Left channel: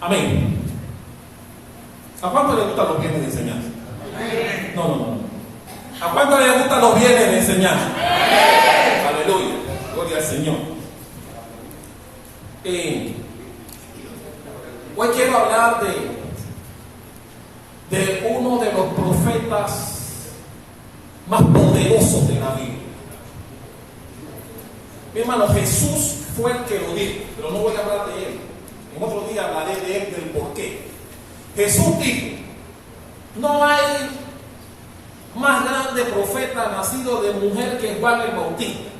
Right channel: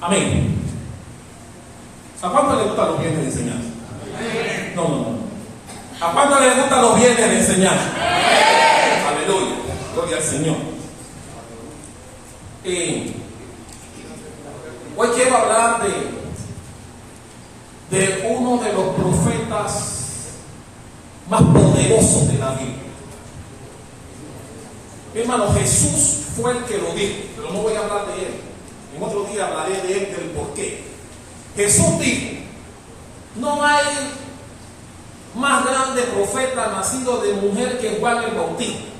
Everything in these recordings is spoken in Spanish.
Amén. ¿A cuánto le gustan los bienes de enseñanza? No. ¿A cuánto le gustan los bienes de enseñanza? Aleluya. Gloria al Señor. Hoy quiero hablar de uno de los profetas más poderosos de la Biblia. Mi hermano, Jesús fue el que lo dijo, pero no voy a hablar de él. En otro día hablaré de él, del por qué. Jesús dijo: no hay más grande profeta nacido de mujer que Juan el Bautista.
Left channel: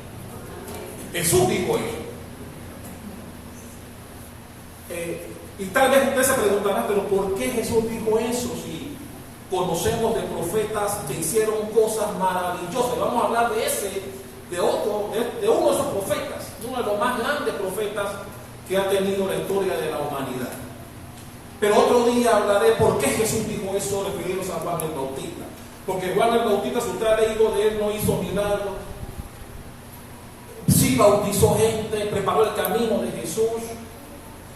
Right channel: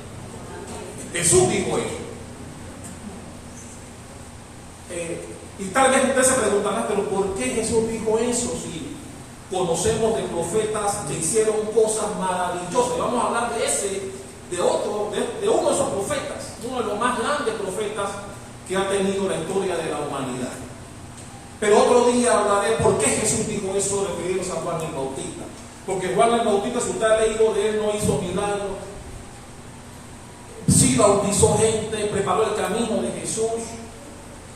Jesús dijo eso. Y tal vez usted se preguntará, pero ¿por qué Jesús dijo eso si conocemos de profetas que hicieron cosas maravillosas? Y vamos a hablar de uno de esos profetas, uno de los más grandes profetas que ha tenido la historia de la humanidad. Pero otro día hablaré por qué Jesús dijo eso referido a Juan el Bautista. Porque Juan el Bautista, si usted ha leído de él, no hizo milagros. Sí bautizó gente, preparó el camino de Jesús,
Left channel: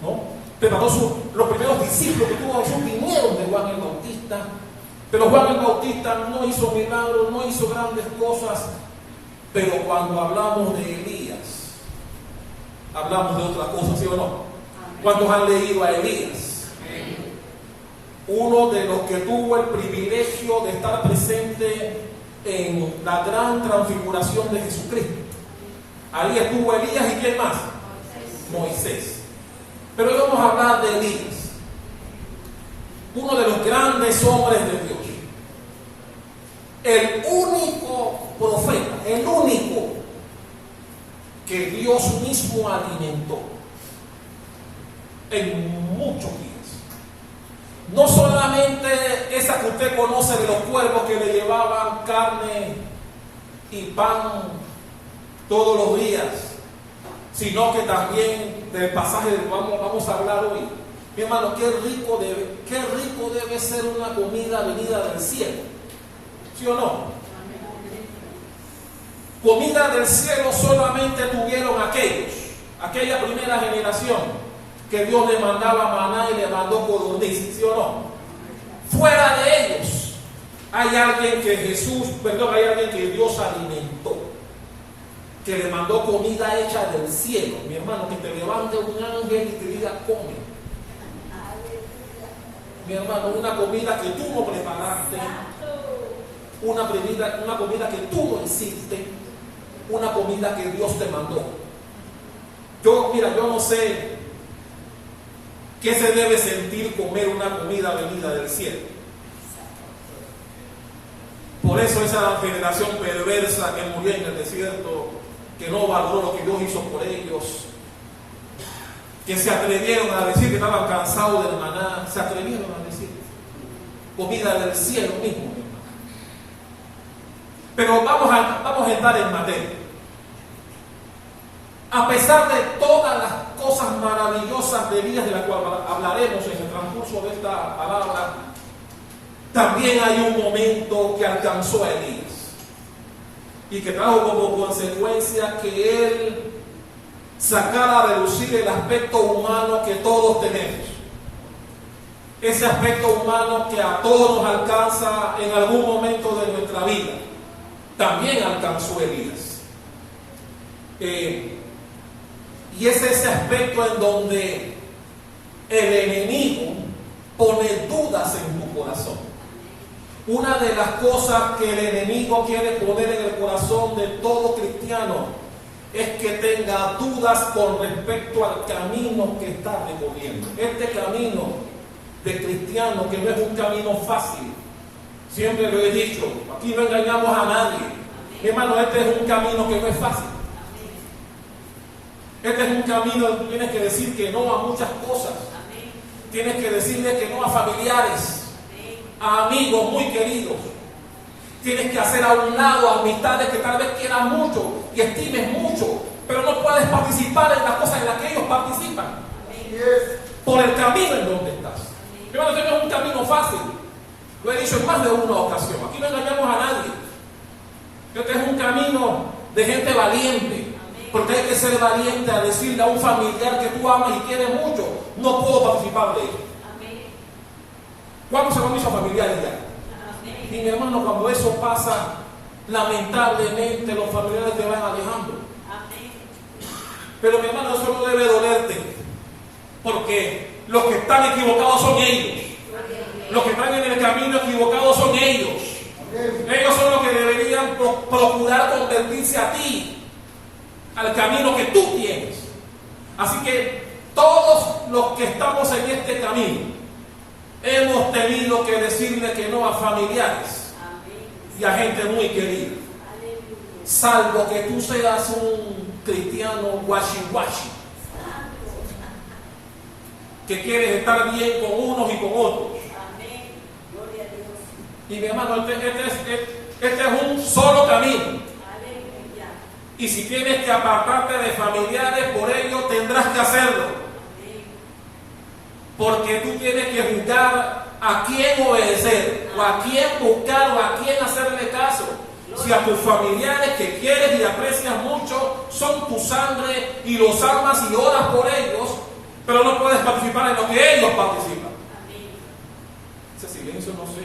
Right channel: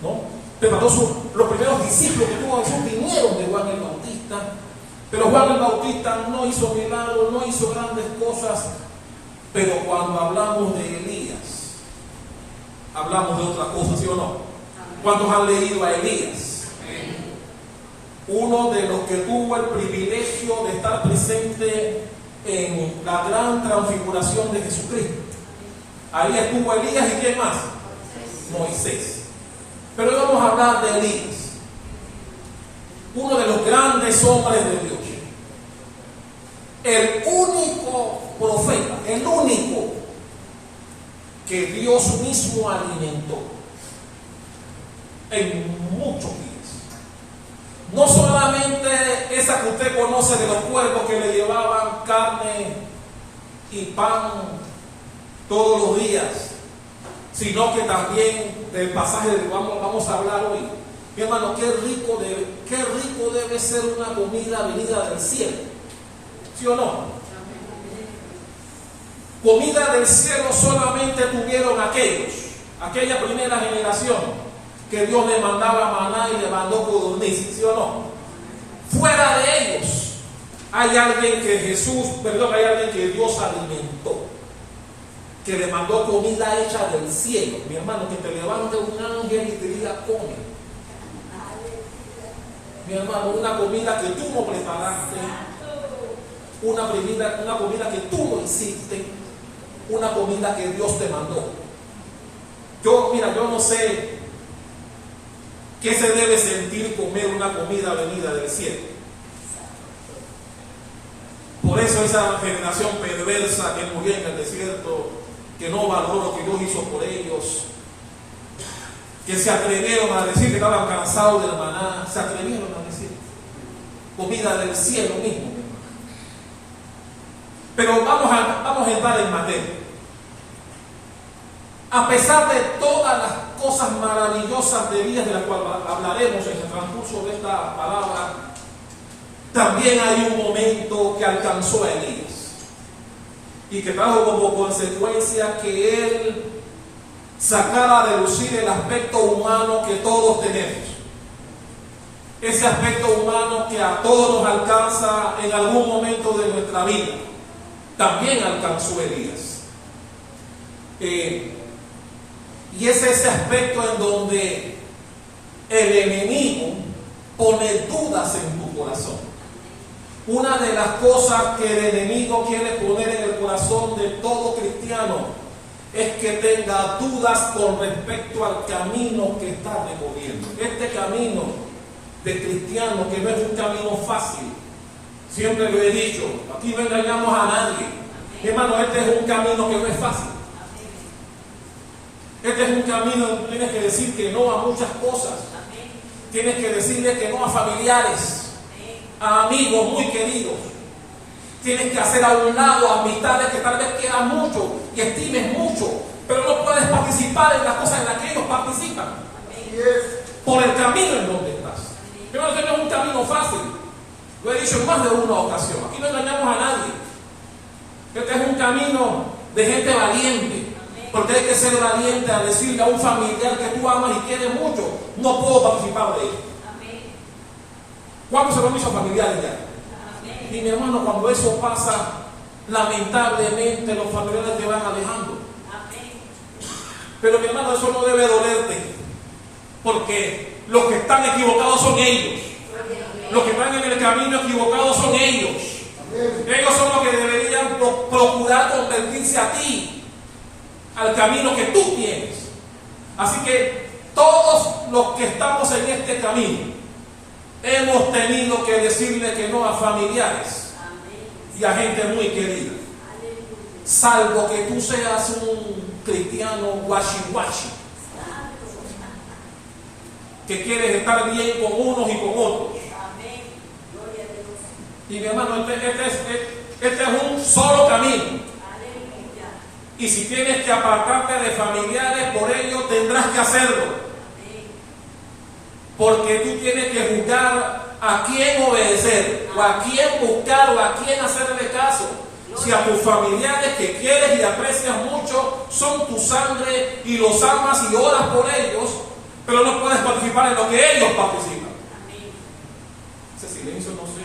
¿no? Preparó los primeros discípulos que tuvo Jesús vinieron de Juan el Bautista. Pero Juan el Bautista no hizo milagros, no hizo grandes cosas. Pero cuando hablamos de Elías, hablamos de otra cosa, ¿sí o no? ¿Cuántos han leído a Elías? Uno de los que tuvo el privilegio de estar presente en la gran transfiguración de Jesucristo. Ahí estuvo Elías, ¿y quién más? Moisés. Pero hoy vamos a hablar de Elías, uno de los grandes hombres de Dios, el único profeta, el único que Dios mismo alimentó en muchos días. No solamente esa que usted conoce de los cuervos que le llevaban carne y pan todos los días, sino que también del pasaje del que vamos a hablar hoy. Mi hermano, qué rico debe ser una comida venida del cielo, ¿sí o no? Comida del cielo solamente tuvieron aquella primera generación que Dios le mandaba maná y le mandó codorniz, ¿sí o no? Fuera de ellos hay alguien que Dios alimentó, que le mandó comida hecha del cielo. Mi hermano, que te levante un ángel y te diga: come. Mi hermano, una comida que tú no preparaste, una comida que tú no hiciste, una comida que Dios te mandó. Yo no sé qué se debe sentir comer una comida venida del cielo. Por eso esa generación perversa que murió en el desierto, que no valoró lo que Dios hizo por ellos, que se atrevieron a decir que estaban cansados del maná, se atrevieron a decir comida del cielo mismo. Pero vamos a entrar en materia. A pesar de todas las cosas maravillosas de vida de las cuales hablaremos en el transcurso de esta palabra, también hay un momento que alcanzó a Elías y que trajo como consecuencia que él sacara a relucir el aspecto humano que todos tenemos. Ese aspecto humano que a todos nos alcanza en algún momento de nuestra vida, también alcanzó a Elías. Y es ese aspecto en donde el enemigo pone dudas en tu corazón. Una de las cosas que el enemigo quiere poner en el corazón de todo cristiano es que tenga dudas con respecto al camino que está recorriendo. Este camino de cristiano, que no es un camino fácil, siempre lo he dicho, aquí no engañamos a nadie. Mi hermano, este es un camino que no es fácil. Este es un camino donde tú tienes que decir que no a muchas cosas. Tienes que decirle que no a familiares, a amigos muy queridos. Tienes que hacer a un lado amistades que tal vez quieras mucho y estimes mucho, pero no puedes participar en las cosas en las que ellos participan, por el camino en donde estás. Pero este no es un camino fácil. Lo he dicho en más de una ocasión. Aquí no engañamos a nadie. Este es un camino de gente valiente, porque hay que ser valiente a decirle a un familiar que tú amas y quieres mucho: no puedo participar de ello. ¿Cuántos se lo han hecho a familiares ya? Y mi hermano, cuando eso pasa, lamentablemente los familiares te van alejando. Pero mi hermano, eso no debe dolerte, porque los que están equivocados son ellos. Los que están en el camino equivocado son ellos. Ellos son los que deberían procurar convertirse a ti, al camino que tú tienes. Así que todos los que estamos en este camino hemos tenido que decirle que no a familiares y a gente muy querida, salvo que tú seas un cristiano guachi, que quieres estar bien con unos y con otros. Y mi hermano, este es un solo camino. Y si tienes que apartarte de familiares, por ello tendrás que hacerlo. Porque tú tienes que juzgar a quién obedecer, o a quién buscar, o a quién hacerle caso. Si a tus familiares que quieres y aprecias mucho son tu sangre y los amas y oras por ellos, pero no puedes participar en lo que ellos participan. Ese silencio no sé.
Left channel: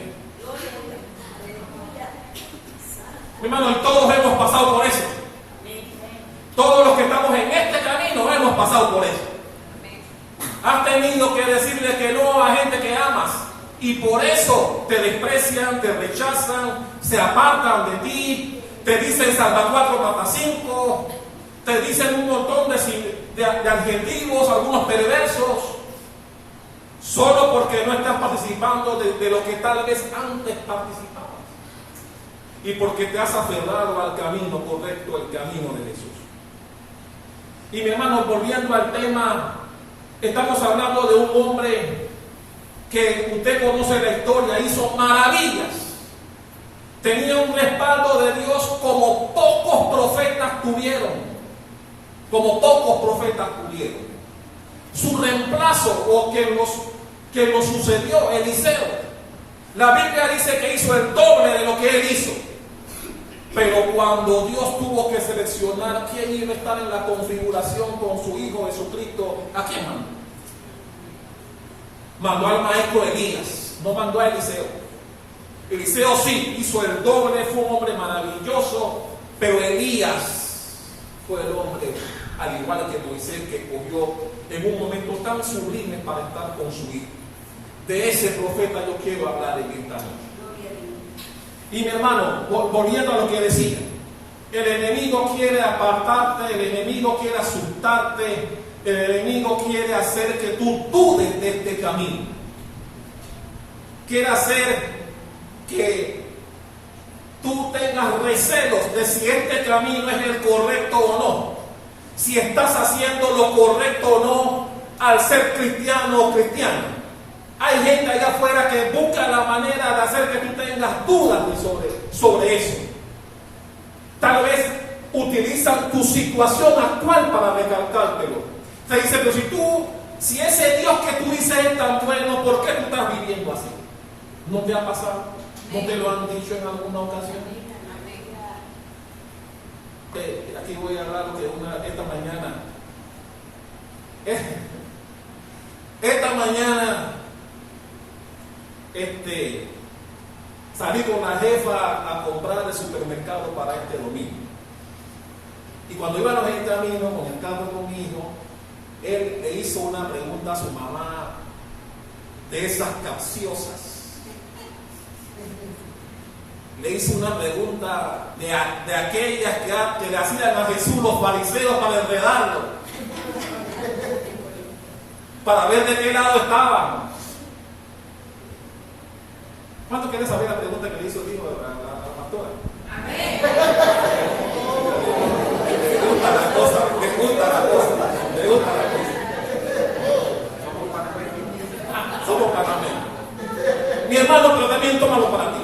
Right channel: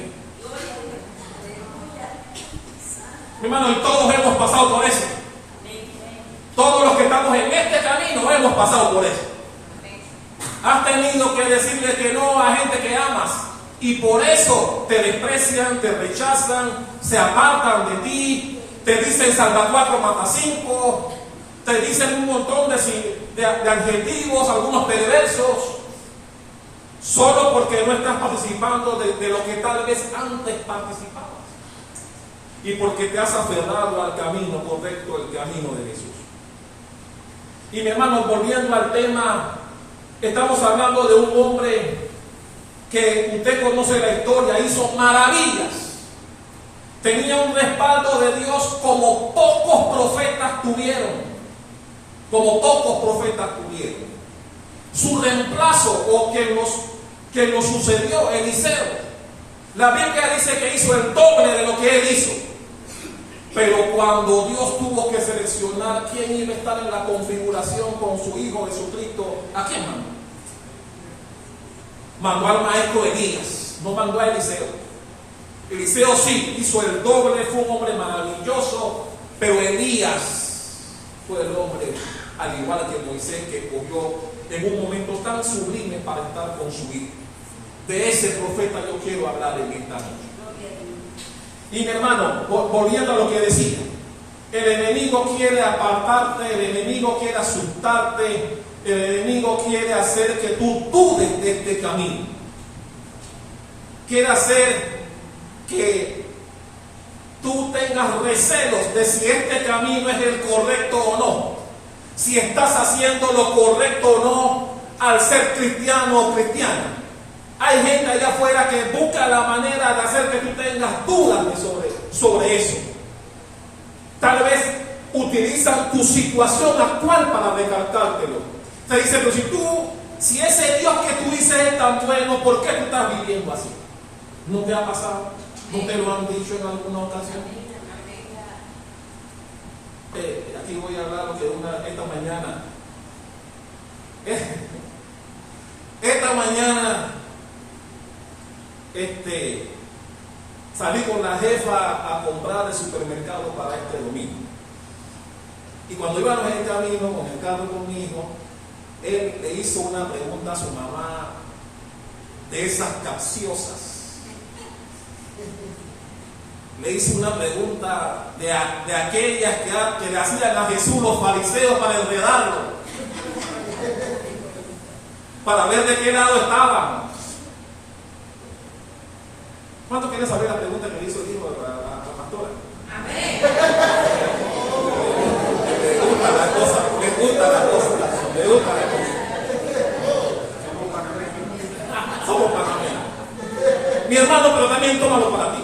Mi hermano, y todos hemos pasado por eso. Todos los que estamos en este camino hemos pasado por eso. Has tenido que decirle que no a gente que amas, y por eso te desprecian, te rechazan, se apartan de ti, te dicen salva 4, mata 5, te dicen un montón de adjetivos, algunos perversos, solo porque no estás participando de lo que tal vez antes participabas, y porque te has aferrado al camino correcto, el camino de Jesús. Y mi hermano, volviendo al tema, estamos hablando de un hombre que usted conoce la historia, hizo maravillas, tenía un respaldo de Dios como pocos profetas tuvieron, Su reemplazo, o que nos sucedió, Eliseo, la Biblia dice que hizo el doble de lo que él hizo. Pero cuando Dios tuvo que seleccionar quién iba a estar en la configuración con su Hijo Jesucristo, ¿a quién mandó? Mandó al maestro Elías, no mandó a Eliseo. Eliseo sí, hizo el doble, fue un hombre maravilloso, pero Elías fue el hombre, al igual que Moisés, que cogió en un momento tan sublime para estar con su Hijo. De ese profeta yo quiero hablar en esta noche. Y mi hermano, volviendo a lo que decía, el enemigo quiere apartarte, el enemigo quiere asustarte, el enemigo quiere hacer que tú dudes de este camino. Quiere hacer que tú tengas recelos de si este camino es el correcto o no, si estás haciendo lo correcto o no al ser cristiano o cristiana. Hay gente allá afuera que busca la manera de hacer que tú tengas dudas sobre eso. Tal vez utilizan tu situación actual para recalcártelo. Te dice, pero si ese Dios que tú dices es tan bueno, ¿por qué tú estás viviendo así? ¿No te ha pasado? ¿No te lo han dicho en alguna ocasión? Aquí voy a hablar de esta mañana. Esta mañana salí con la jefa a comprar el supermercado para este domingo. Y cuando íbamos en camino con el carro con mi hijo, él le hizo una pregunta a su mamá de esas capciosas. Le hizo una pregunta de aquellas que le hacían a Jesús los fariseos para enredarlo, para ver de qué lado estaban. ¿Cuánto quiere saber la pregunta que le hizo el hijo a la pastora? Amén. Me gusta la cosa. Somos panameños. Mi hermano, pero también tómalo para ti.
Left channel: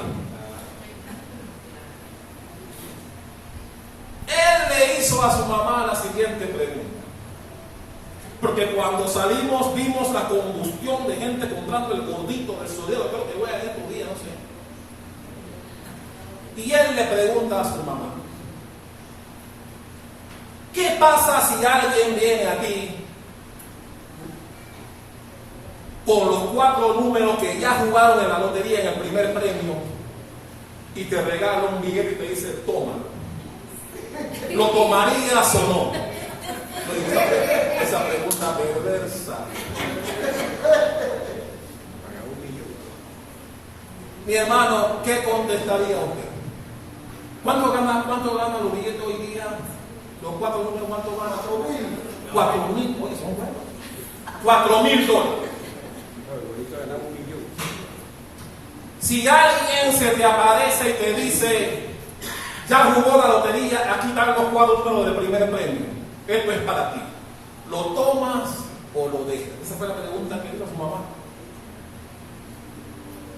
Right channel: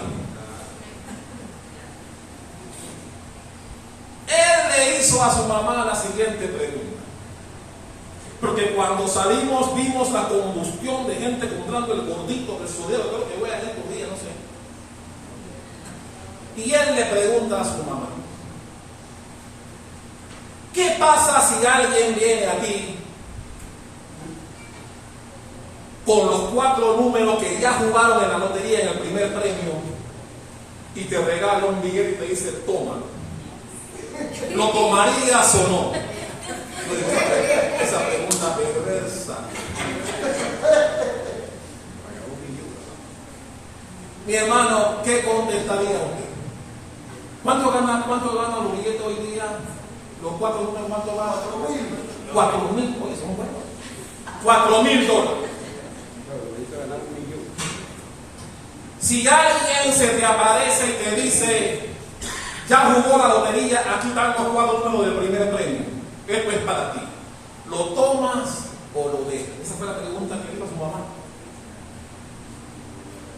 Él le hizo a su mamá la siguiente pregunta. Porque cuando salimos vimos la combustión de gente comprando el gordito del sodero, creo que voy a ir por día, no sé. Y él le pregunta a su mamá, ¿qué pasa si alguien viene a ti con los 4 números que ya jugaron en la lotería en el primer premio y te regala un billete y te dice, toma, ¿lo tomarías o no? Esa pregunta perversa. Mi hermano, ¿qué contestaría usted? ¿Cuánto gana los billetes hoy día? Los 4 números, ¿cuánto ganan? 4.000, oye, son buenos. $4.000. Si alguien se te aparece y te dice, ya jugó la lotería, aquí están los 4 números del primer premio, esto es para ti, ¿lo tomas o lo dejas? Esa fue la pregunta que dijo su mamá.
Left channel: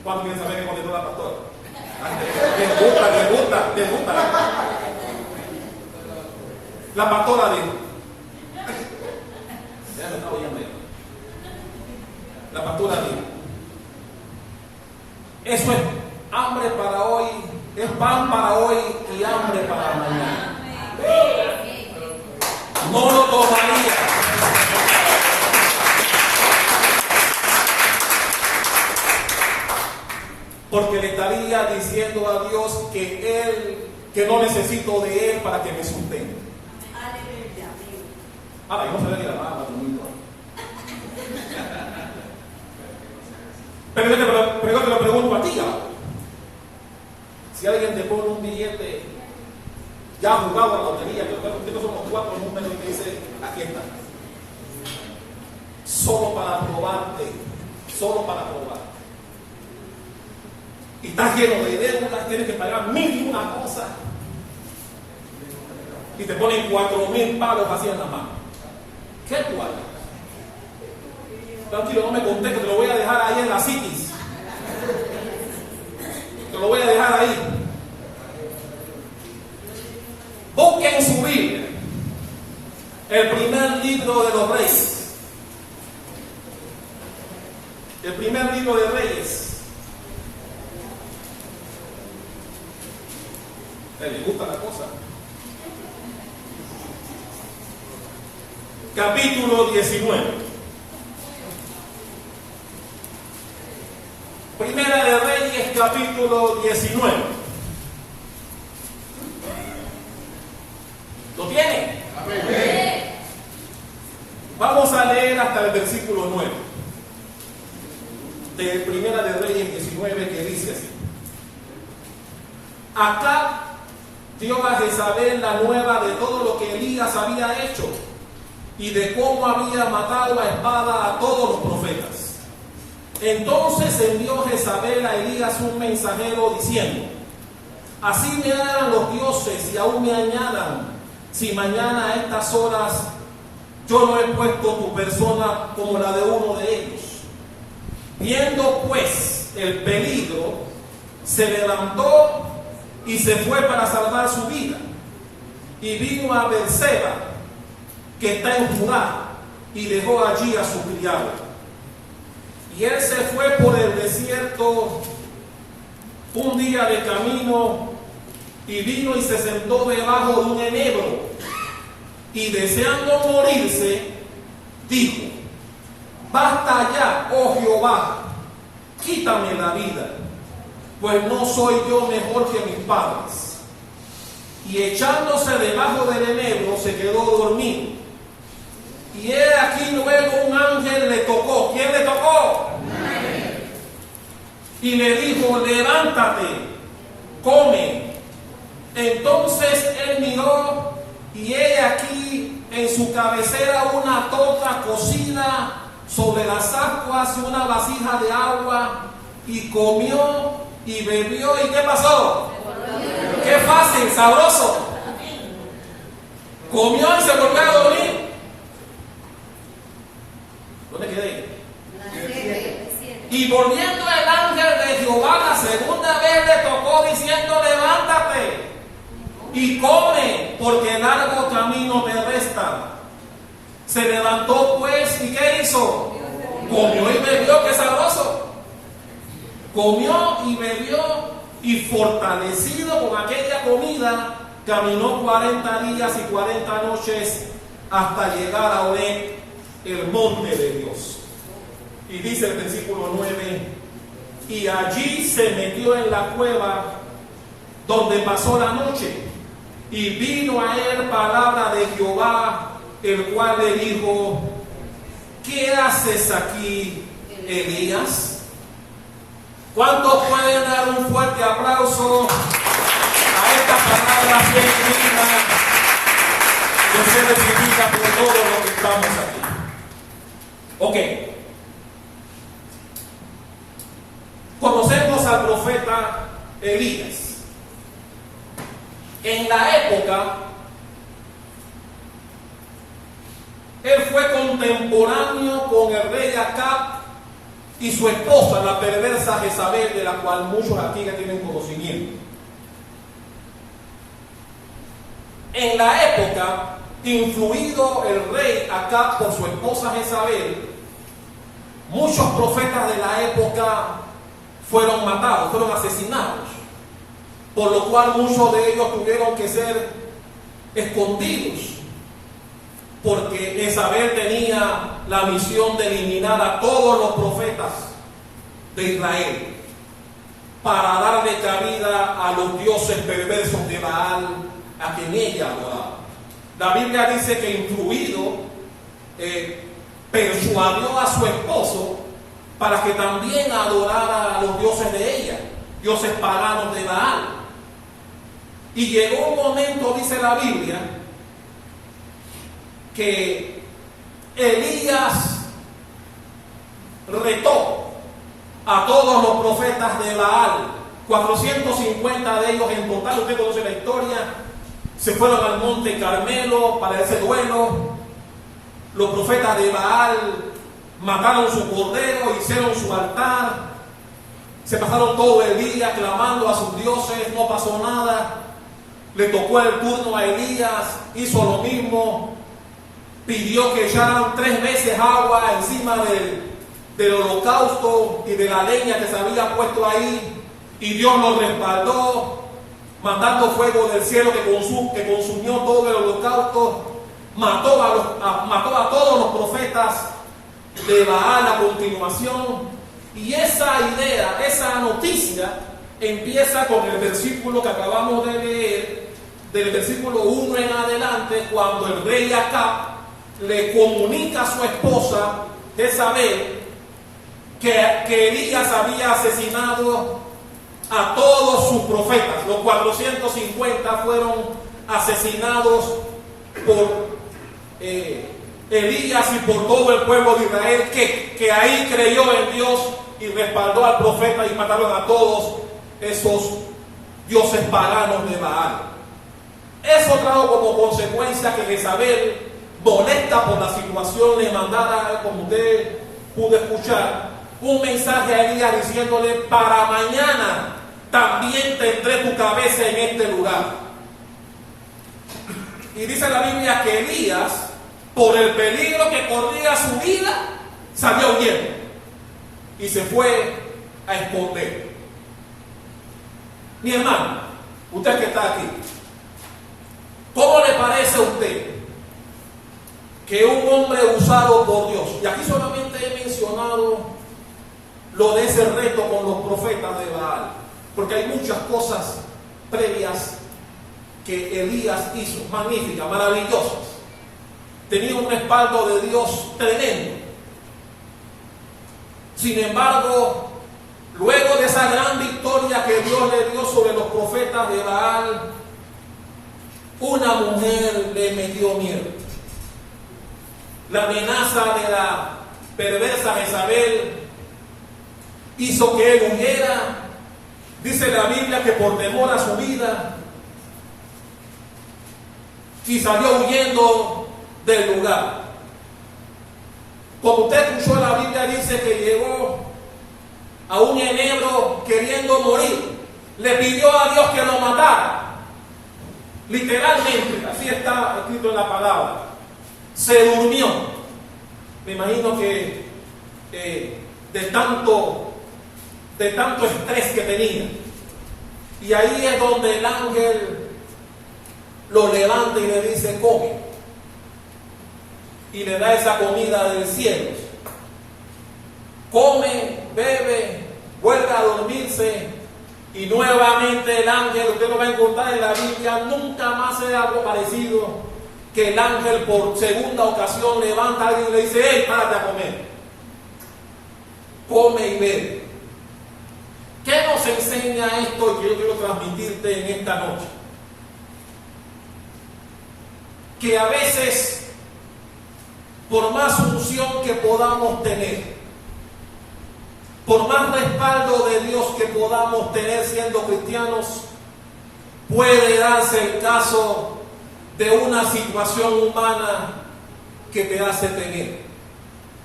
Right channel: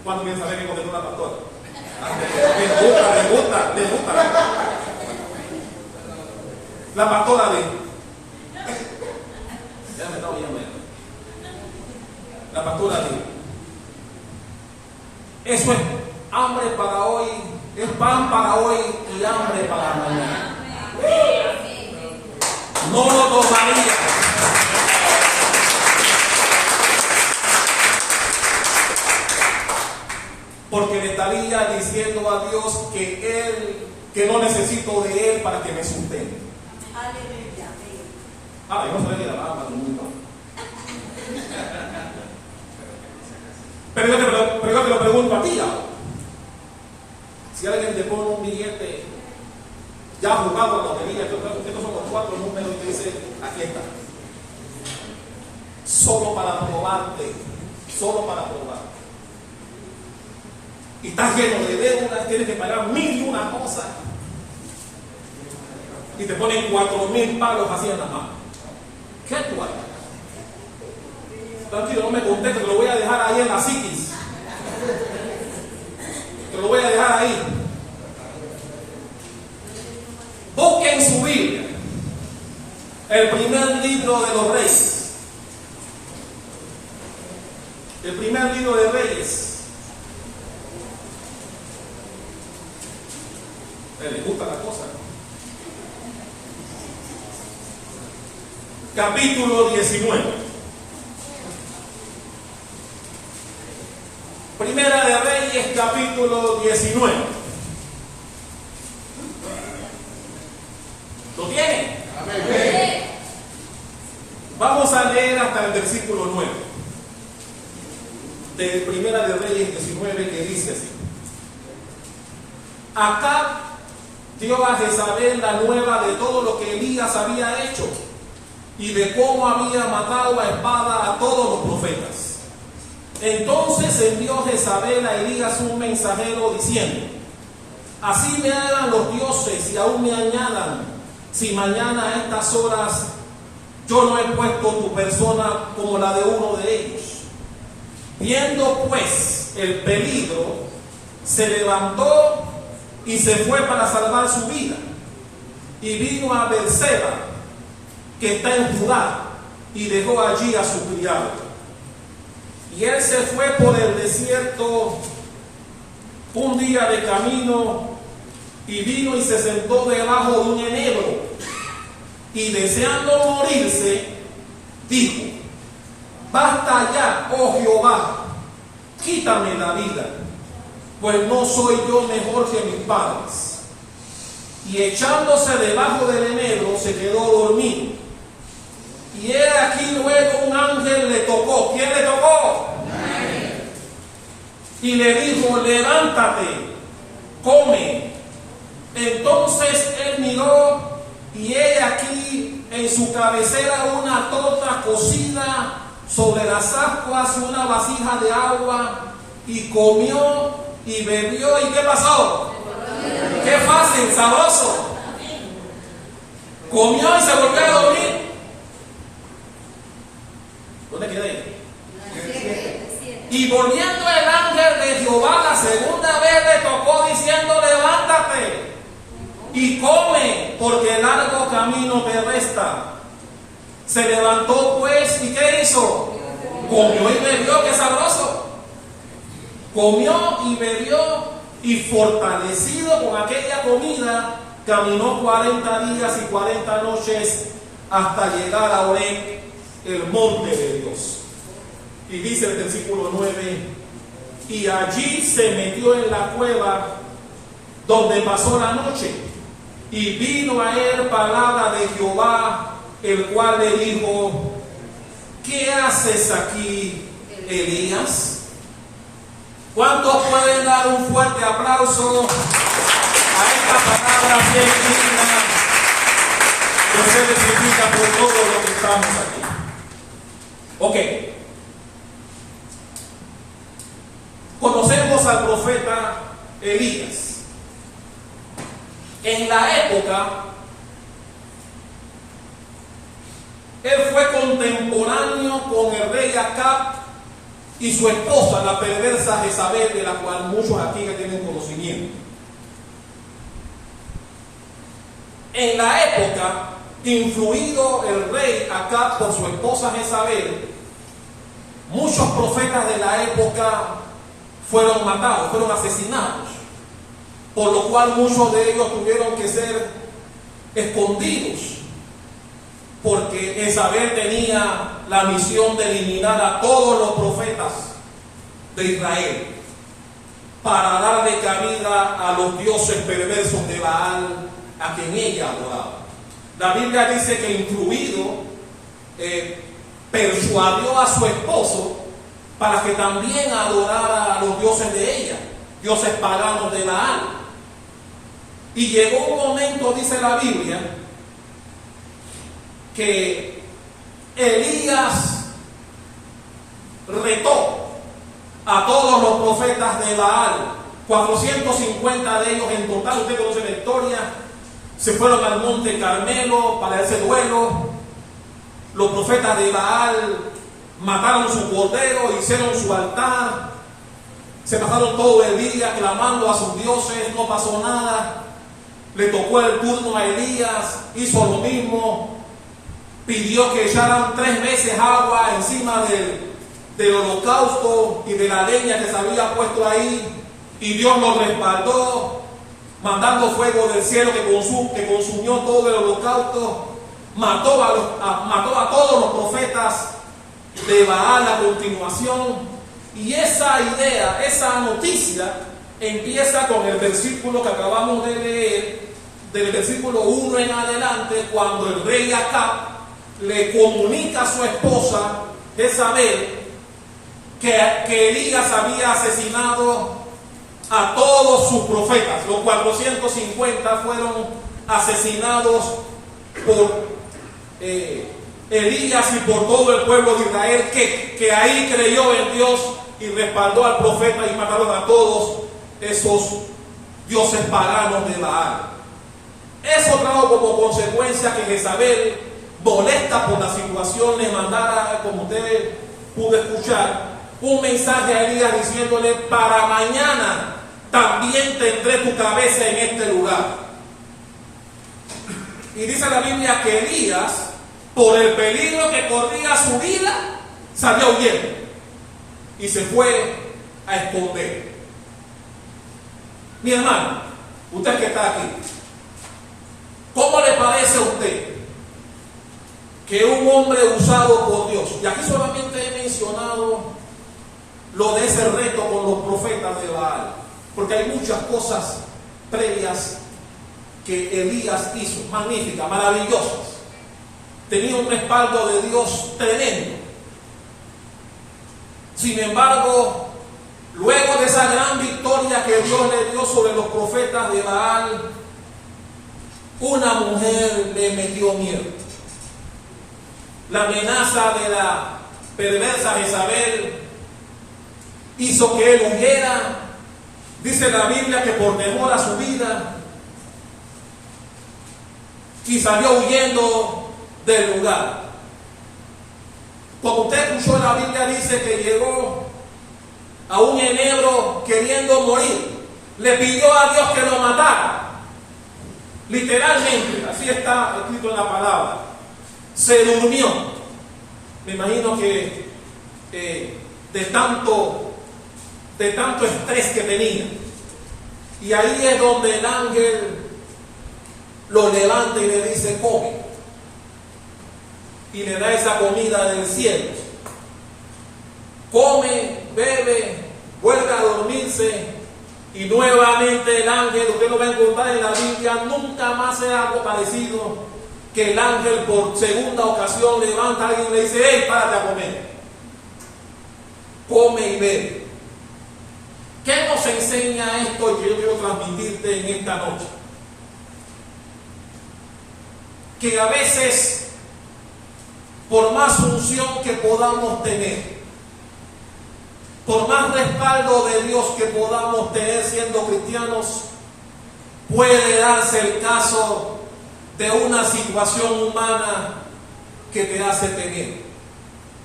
¿Cuánto quieren saber qué contestó la pastora? Le gusta. La pastora dijo, ya me estaba oyendo ella. La pastora dijo, eso es hambre para hoy, es pan para hoy y hambre para mañana. No lo tomaría. Porque le estaría diciendo a Dios que no necesito de Él para que me sustente. Ah, no se ve ni la mano, muy mal. Pero yo te lo pregunto a ti ahora. Si alguien te pone un billete ya jugado a la lotería, estos son los 4 números y te dice, aquí está. Solo para probarte, y estás lleno de deudas, tienes que pagar 1.001 cosas y te ponen 4.000 palos así en la mano. ¿Qué tú haces? Tranquilo, no me contestes, te lo voy a dejar ahí en la psiquis. Te lo voy a dejar ahí. Busquen su Biblia, el primer libro de los Reyes. El primer libro de Reyes. ¿Les gusta la cosa? Capítulo 19. Primera de Reyes, capítulo 19. ¿Lo tienen? Amén. Vamos a leer hasta el versículo 9 de Primera de Reyes 19, que dice así: Acab dio a Jezabel la nueva de todo lo que Elías había hecho y de cómo había matado a espada a todos los profetas. Entonces envió Jezabel a Elías un mensajero diciendo: Así me hagan los dioses y aún me añadan, si mañana a estas horas yo no he puesto tu persona como la de uno de ellos. Viendo pues el peligro, se levantó y se fue para salvar su vida, y vino a Beerseba, que está en Judá, y dejó allí a su criado. Y él se fue por el desierto un día de camino, y vino y se sentó debajo de un enebro, y deseando morirse, dijo: Basta ya, oh Jehová, quítame la vida, pues no soy yo mejor que mis padres. Y echándose debajo del enebro, se quedó dormido. Y he aquí luego un ángel le tocó. ¿Quién le tocó? Amén. Y le dijo: levántate, come. Entonces él miró, y he aquí en su cabecera una torta cocida sobre las ascuas, una vasija de agua, y comió y bebió. ¿Y qué pasó? ¡Qué fácil, sabroso! Comió y se volvió a dormir. ¿Dónde quedé? Y volviendo el ángel de Jehová la segunda vez le tocó diciendo: levántate y come, porque largo camino te resta. Se levantó pues, ¿y qué hizo? Comió y bebió. ¡Qué sabroso! Comió y bebió, y fortalecido con aquella comida, caminó 40 días y 40 noches hasta llegar a Horeb, el monte de Dios. Y Y dice el versículo 9, y allí se metió en la cueva donde pasó la noche, y vino a él palabra de Jehová, el cual le dijo, ¿qué haces aquí, Elías? ¿Cuántos pueden dar un fuerte aplauso a esta palabra bien digna que se identifica por todo lo que estamos aquí? Ok. Conocemos al profeta Elías. En la época, él fue contemporáneo con el rey Acab y su esposa, la perversa Jezabel, de la cual muchos aquí ya tienen conocimiento. En la época, influido el rey Acab por su esposa Jezabel, muchos profetas de la época fueron matados, fueron asesinados, por lo cual muchos de ellos tuvieron que ser escondidos, porque Jezabel tenía la misión de eliminar a todos los profetas de Israel para darle cabida a los dioses perversos de Baal, a quien ella adoraba. La Biblia dice que influido persuadió a su esposo para que también adorara a los dioses de ella, dioses paganos de Baal. Y llegó un momento, dice la Biblia, que Elías retó a todos los profetas de Baal, 450 de ellos en total. Usted conoce la historia. Se fueron al monte Carmelo para ese duelo. Los profetas de Baal mataron su cordero, hicieron su altar, se pasaron todo el día clamando a sus dioses, no pasó nada. Le tocó el turno a Elías, hizo lo mismo, pidió que echaran 3 veces agua encima del holocausto y de la leña que se había puesto ahí, y Dios lo respaldó, mandando fuego del cielo que consumió todo el holocausto, mató a todos los profetas de Baal a continuación. Y esa idea, esa noticia empieza con el versículo que acabamos de leer, del versículo 1 en adelante, cuando el rey Acab le comunica a su esposa Jezabel que Elías había asesinado a todos sus profetas. Los 450 fueron asesinados por Elías y por todo el pueblo de Israel que ahí creyó en Dios y respaldó al profeta, y mataron a todos esos dioses paganos de Baal. Eso trajo como consecuencia que Jezabel, molesta por la situación, le mandara, como usted pudo escuchar, un mensaje a Elías diciéndole: para mañana también tendré tu cabeza en este lugar. Y dice la Biblia que Elías, por el peligro que corría su vida, salió huyendo y se fue a esconder. Mi hermano, usted que está aquí, ¿cómo le parece a usted que un hombre usado por Dios, y aquí solamente he mencionado lo de ese reto con los profetas de Baal, porque hay muchas cosas previas que Elías hizo, magníficas, maravillosas, tenía un respaldo de Dios tremendo? Sin embargo, luego de esa gran victoria que Dios le dio sobre los profetas de Baal, una mujer le metió miedo. La amenaza de la perversa Jezabel hizo que él huyera. Dice la Biblia que por temor a su vida, y salió huyendo del lugar. Como usted escuchó, la Biblia dice que llegó a un enebro queriendo morir. Le pidió a Dios que lo matara. Literalmente, así está escrito en la palabra. Se durmió. Me imagino que de tanto estrés que tenía. Y ahí es donde el ángel lo levanta y le dice: come. Y le da esa comida del cielo. come, bebe, vuelve a dormirse y nuevamente el ángel, usted lo va a encontrar en la Biblia, nunca más es algo parecido, que el ángel por segunda ocasión levanta a alguien y le dice: hey, párate a comer. Come y bebe. ¿Qué nos enseña esto que yo quiero transmitirte en esta noche? Que a veces, por más unción que podamos tener, por más respaldo de Dios que podamos tener siendo cristianos, puede darse el caso de una situación humana que te hace temer.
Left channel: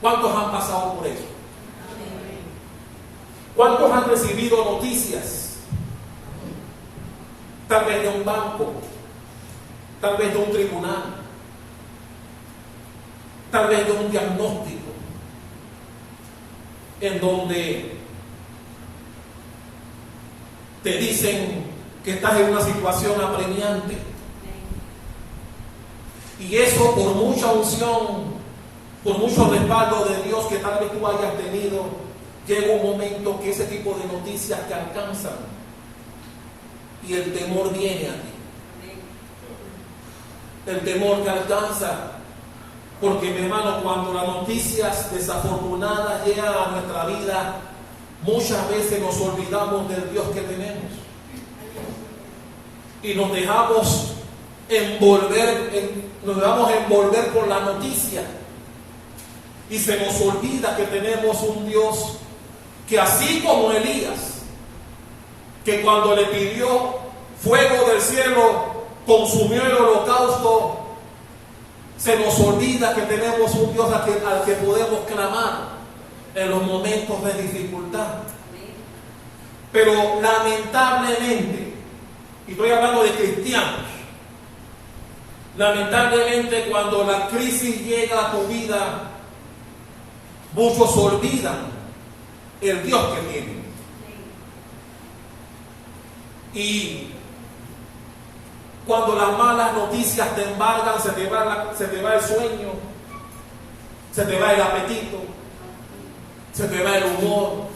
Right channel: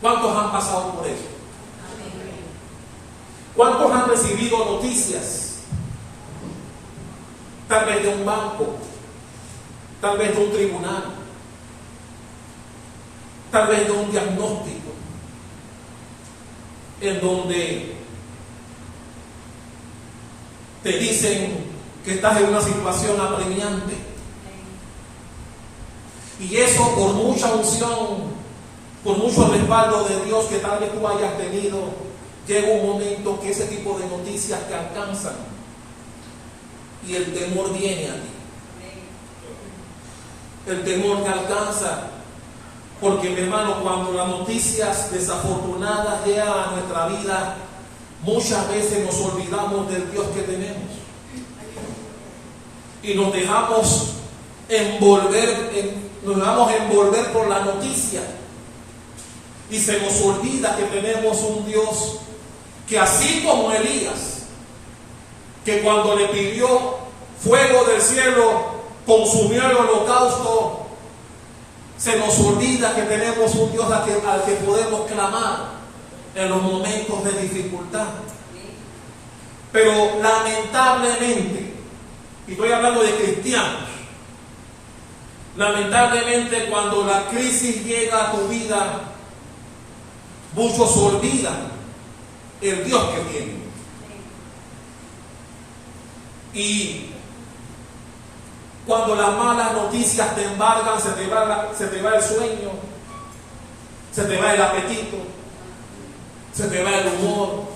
¿Cuántos han pasado por eso? ¿Cuántos han recibido noticias? Tal vez de un banco, tal vez de un tribunal, tal vez de un diagnóstico, en donde te dicen que estás en una situación apremiante. Y eso, por mucha unción, por mucho respaldo de Dios que tal vez tú hayas tenido, llega un momento que ese tipo de noticias te alcanzan y el temor viene a ti. El temor te alcanza, porque, mi hermano, cuando las noticias desafortunadas llegan a nuestra vida, muchas veces nos olvidamos del Dios que tenemos y nos dejamos envolver por la noticia, y se nos olvida que tenemos un Dios que, así como Elías, que cuando le pidió fuego del cielo consumió el holocausto, se nos olvida que tenemos un Dios al que podemos clamar en los momentos de dificultad. Pero lamentablemente, y estoy hablando de cristianos, lamentablemente cuando la crisis llega a tu vida, muchos olvidan el Dios que tienen. Y cuando las malas noticias te embargan, se te va el sueño, se te va el apetito, se te va el humor.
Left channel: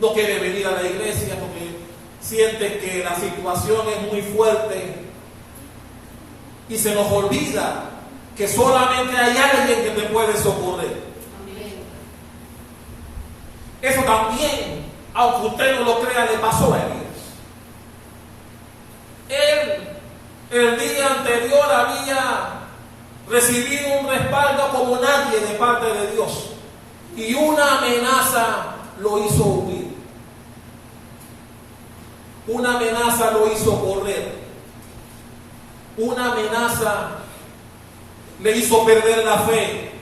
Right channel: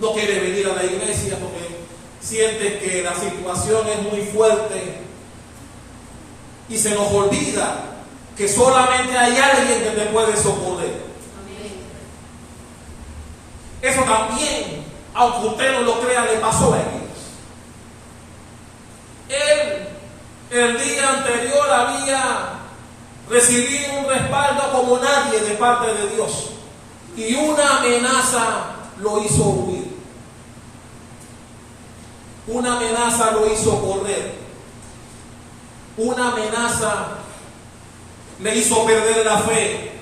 No quieres venir a la iglesia porque sientes que la situación es muy fuerte, y se nos olvida que solamente hay alguien que te puede socorrer. Eso también, aunque usted no lo crea, le pasó a Elías. Él, el día anterior, había recibido un respaldo como nadie de parte de Dios, y una amenaza lo hizo huir. Una amenaza lo hizo correr. Una amenaza le hizo perder la fe.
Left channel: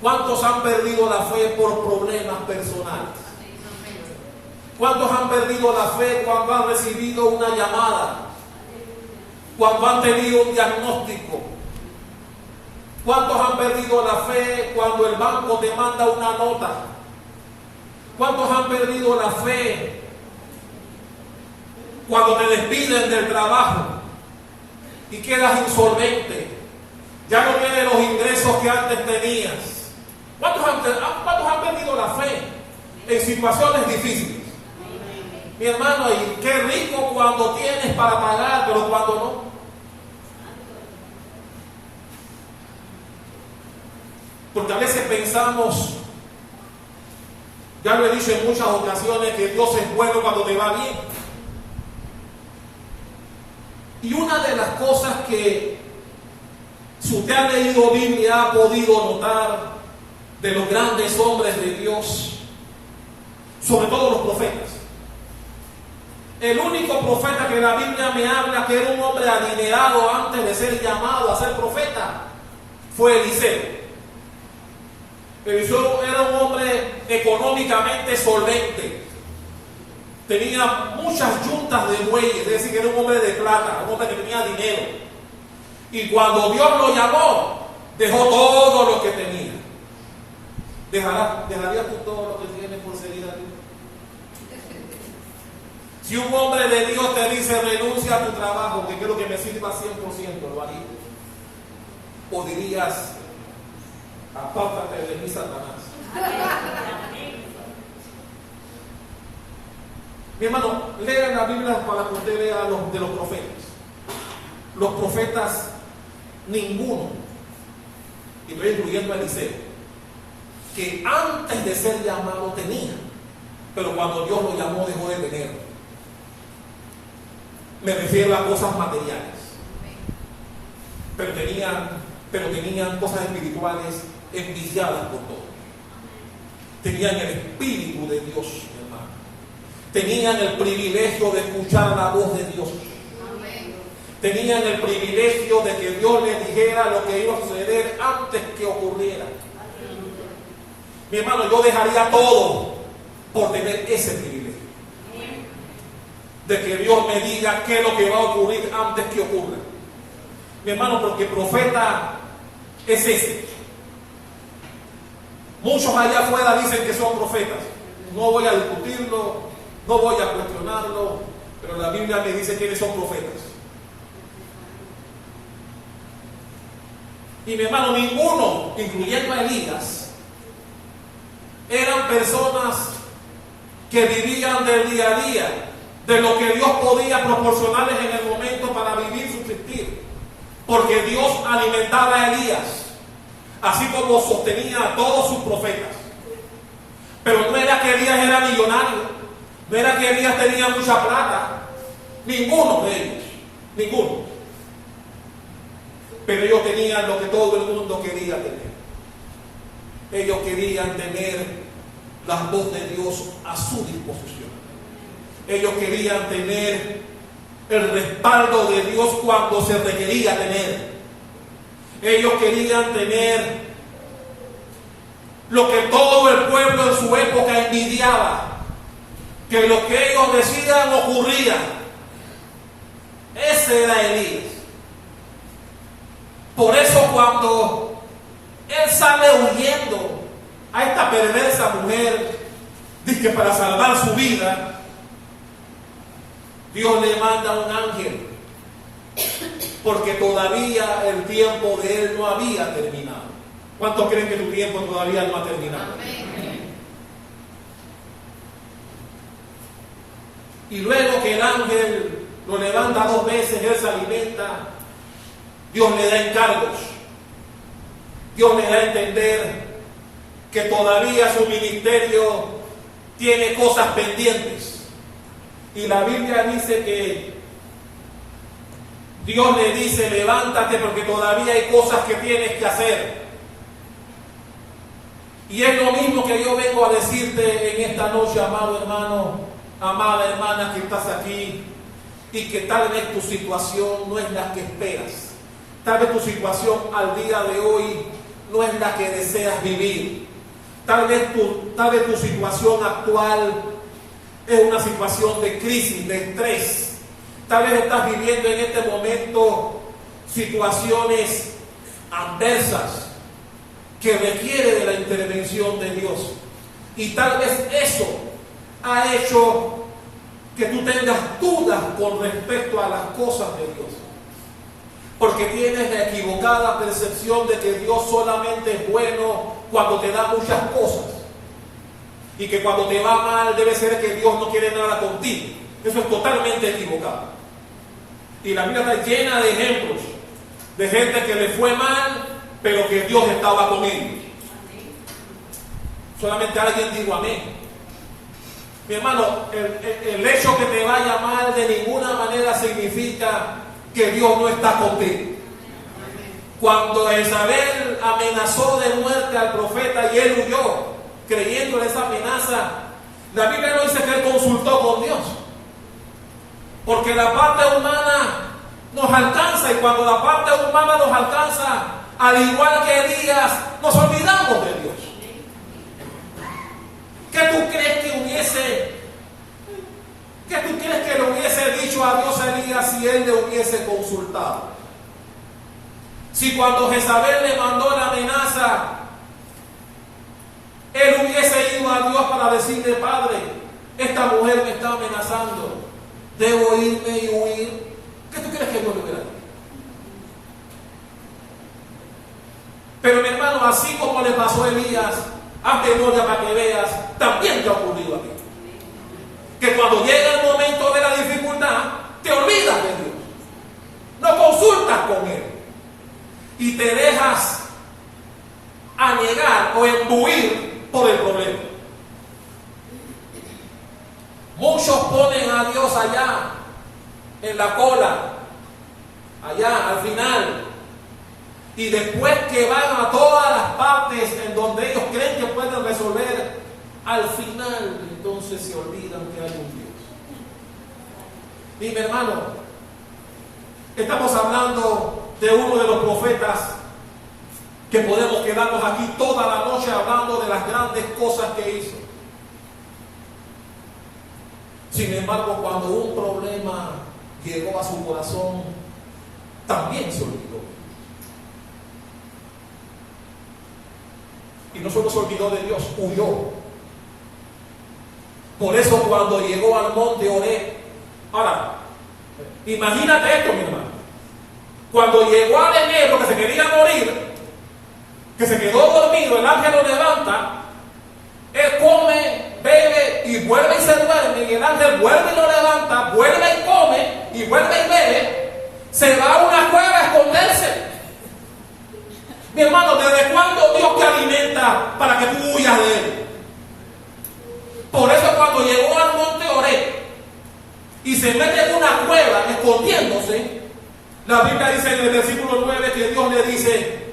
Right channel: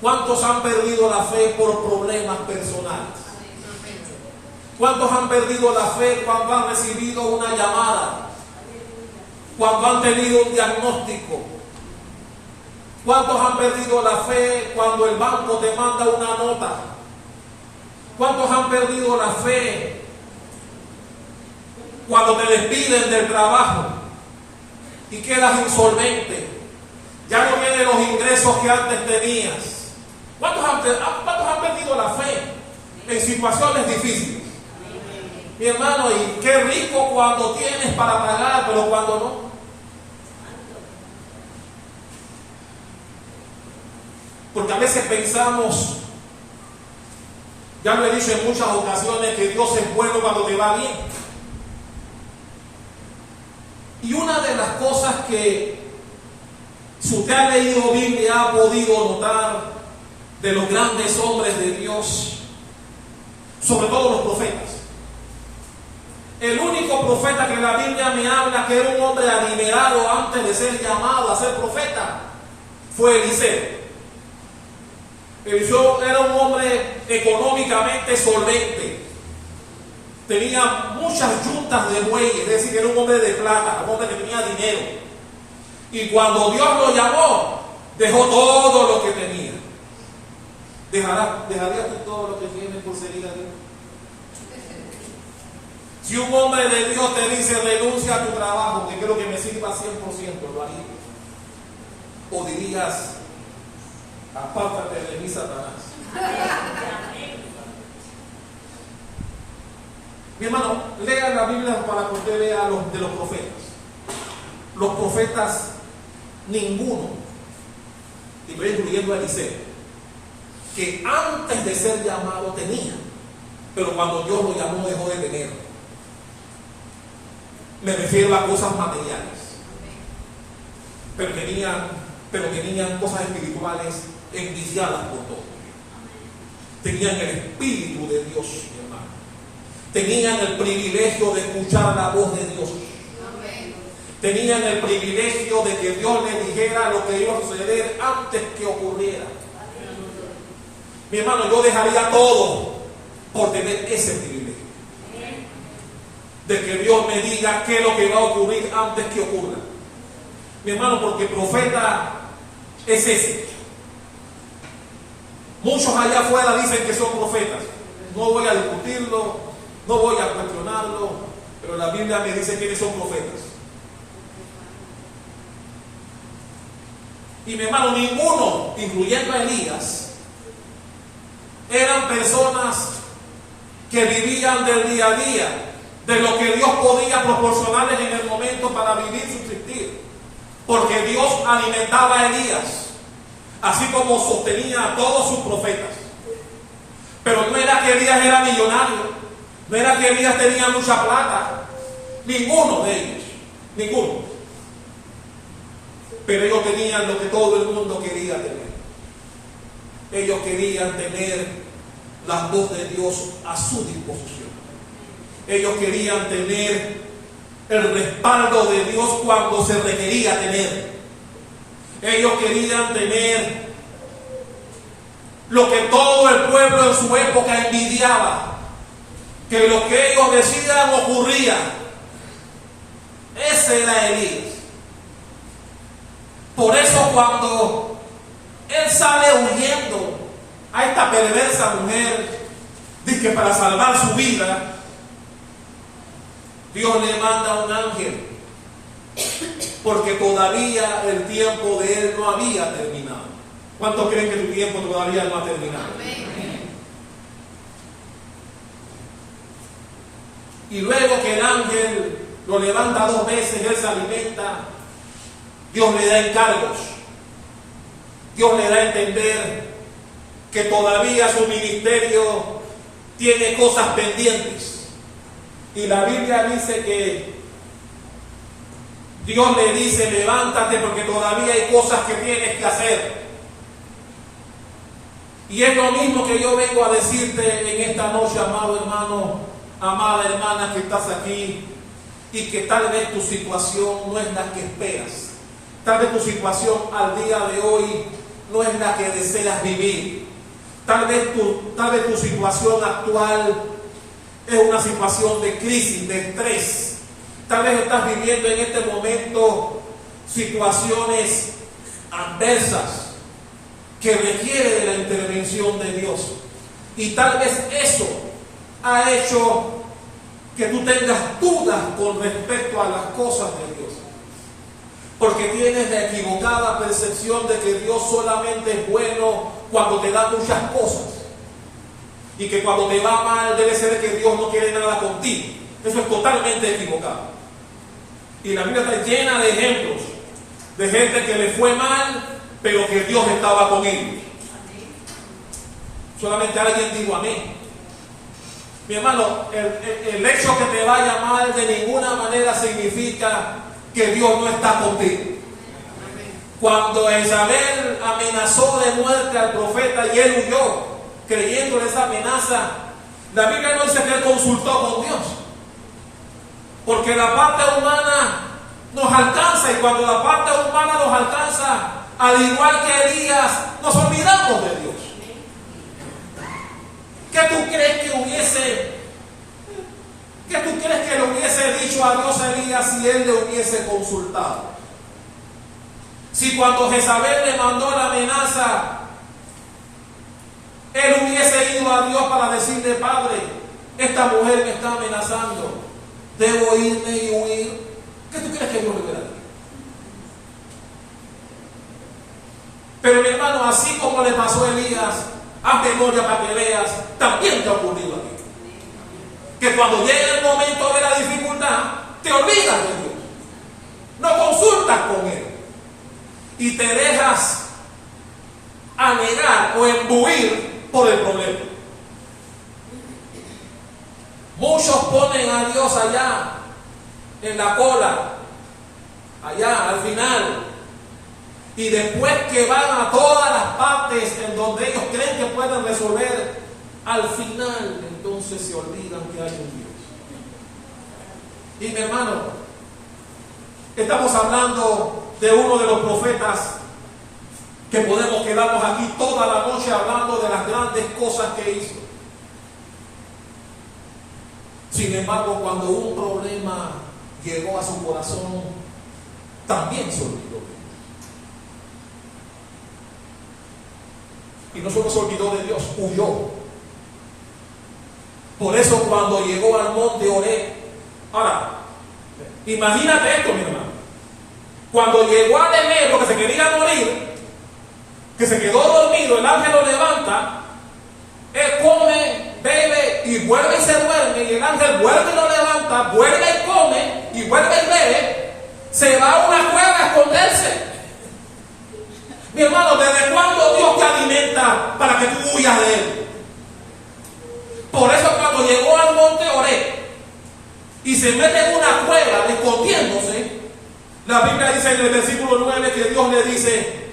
¿Cuántos han perdido la fe por problemas personales? ¿Cuántos han perdido la fe cuando han recibido una llamada? Cuando han tenido un diagnóstico. ¿Cuántos han perdido la fe cuando el banco te manda una nota? ¿Cuántos han perdido la fe cuando te despiden del trabajo y quedas insolvente? Ya no tienes los ingresos que antes tenías. ¿Cuántos han perdido la fe en situaciones difíciles? Mi hermano, y qué rico cuando tienes para pagar, pero cuando no. Porque a veces pensamos, ya lo he dicho en muchas ocasiones, que Dios es bueno cuando te va bien. Y una de las cosas que, si usted ha leído Biblia, ha podido notar de los grandes hombres de Dios, sobre todo los profetas. El único profeta que la Biblia me habla que era un hombre adinerado antes de ser llamado a ser profeta fue Eliseo. Eliseo era un hombre económicamente solvente. Tenía muchas yuntas de bueyes, es decir, que era un hombre de plata, un hombre que tenía dinero. Y cuando Dios lo llamó, dejó todo lo que tenía. ¿Dejarías tú todo lo que tienes por seguir a Dios? Si un hombre de Dios te dice renuncia a tu trabajo, que quiero que me sirva 100%, ¿lo harías? ¿O dirías apártate de mí, Satanás? Mi hermano, lea la Biblia para que usted lea de los profetas. Los profetas, ninguno, y estoy incluyendo a Eliseo, que antes de ser llamado tenía, pero cuando Dios lo llamó dejó de tener. Me refiero a cosas materiales, pero tenían cosas espirituales enviciadas por Dios. Tenían el Espíritu de Dios, mi hermano. Tenían el privilegio de escuchar la voz de Dios. Tenían el privilegio de que Dios les dijera lo que iba a suceder antes que ocurriera. Mi hermano, yo dejaría todo por tener ese privilegio. De que Dios me diga qué es lo que va a ocurrir antes que ocurra. Mi hermano, porque profeta es ese. Muchos allá afuera dicen que son profetas. No voy a discutirlo, no voy a cuestionarlo, pero la Biblia me dice quiénes son profetas. Y mi hermano, ninguno, incluyendo a Elías, eran personas que vivían del día a día, de lo que Dios podía proporcionarles en el momento para vivir, subsistir. Porque Dios alimentaba a Elías, así como sostenía a todos sus profetas. Pero no era que Elías era millonario, no era que Elías tenía mucha plata, ninguno de ellos, ninguno. Pero ellos tenían lo que todo el mundo quería tener. Ellos querían tener la voz de Dios a su disposición. Ellos querían tener el respaldo de Dios cuando se requería tener. Ellos querían tener lo que todo el pueblo en su época envidiaba, que lo que ellos decían ocurría. Ese era Elías. Por eso cuando él sale huyendo a esta perversa mujer, dice que para salvar su vida, Dios le manda un ángel, porque todavía el tiempo de él no había terminado. ¿Cuántos creen que tu tiempo todavía no ha terminado? Amén. Y luego que el ángel lo levanta 2 veces, él se alimenta. Dios le da encargos. Dios le da a entender que todavía su ministerio tiene cosas pendientes. Y la Biblia dice que Dios le dice: levántate porque todavía hay cosas que tienes que hacer. Y es lo mismo que yo vengo a decirte en esta noche, amado hermano, amada hermana que estás aquí, y que tal vez tu situación no es la que esperas. Tal vez tu situación al día de hoy no es la que deseas vivir. Tal vez tu situación actual es una situación de crisis, de estrés. Tal vez estás viviendo en este momento situaciones adversas que requieren de la intervención de Dios. Y tal vez eso ha hecho que tú tengas dudas con respecto a las cosas de Dios. Porque tienes la equivocada percepción de que Dios solamente es bueno cuando te da muchas cosas. Y que cuando te va mal debe ser que Dios no quiere nada contigo. Eso es totalmente equivocado. Y la Biblia está llena de ejemplos de gente que le fue mal, pero que Dios estaba con ellos. Solamente alguien dijo amén. Mi hermano, el hecho que te vaya mal de ninguna manera significa que Dios no está contigo. Cuando Jezabel amenazó de muerte al profeta y él huyó creyendo en esa amenaza, la Biblia no dice que él consultó con Dios, porque la parte humana nos alcanza, y cuando la parte humana nos alcanza, al igual que Elías, nos olvidamos de Dios. ¿Qué tú crees que le hubiese dicho a Dios a Elías si él le hubiese consultado? Si cuando Jezabel le mandó la amenaza, él hubiese ido a Dios para decirle: Padre, esta mujer me está amenazando, ¿debo irme y huir? ¿Qué tú crees que Dios le hubiera dicho? Pero mi hermano, así como le pasó a Elías, haz memoria para que veas, también te ha ocurrido a ti. que cuando llega el momento de la dificultad, te olvidas de Dios. No consultas con Él. Y te dejas anegar o embuir por el problema. Muchos ponen a Dios allá, en la cola, allá al final. Y después que van a todas las partes en donde ellos creen que pueden resolver, al final entonces se olvidan que hay un Dios. Y mi hermano, estamos hablando de uno de los profetas que podemos quedarnos aquí toda la noche hablando de las grandes cosas que hizo. Sin embargo, cuando un problema llegó a su corazón, también se olvidó. Y no solo se olvidó de Dios, huyó. Por eso cuando llegó al monte Oreb, ahora, imagínate esto, mi hermano. Cuando llegó al enebro que se quería morir, que se quedó dormido, el ángel lo levanta, él come, bebe y vuelve y se duerme, y el ángel vuelve y lo levanta, vuelve y come y vuelve y bebe, se va a una cueva a esconderse. Mi hermano, ¿desde cuándo Dios te alimenta para que tú huyas de Él? Por eso cuando llegó al monte Oreb y se mete en una cueva escondiéndose, la Biblia dice en el versículo 9 que Dios le dice:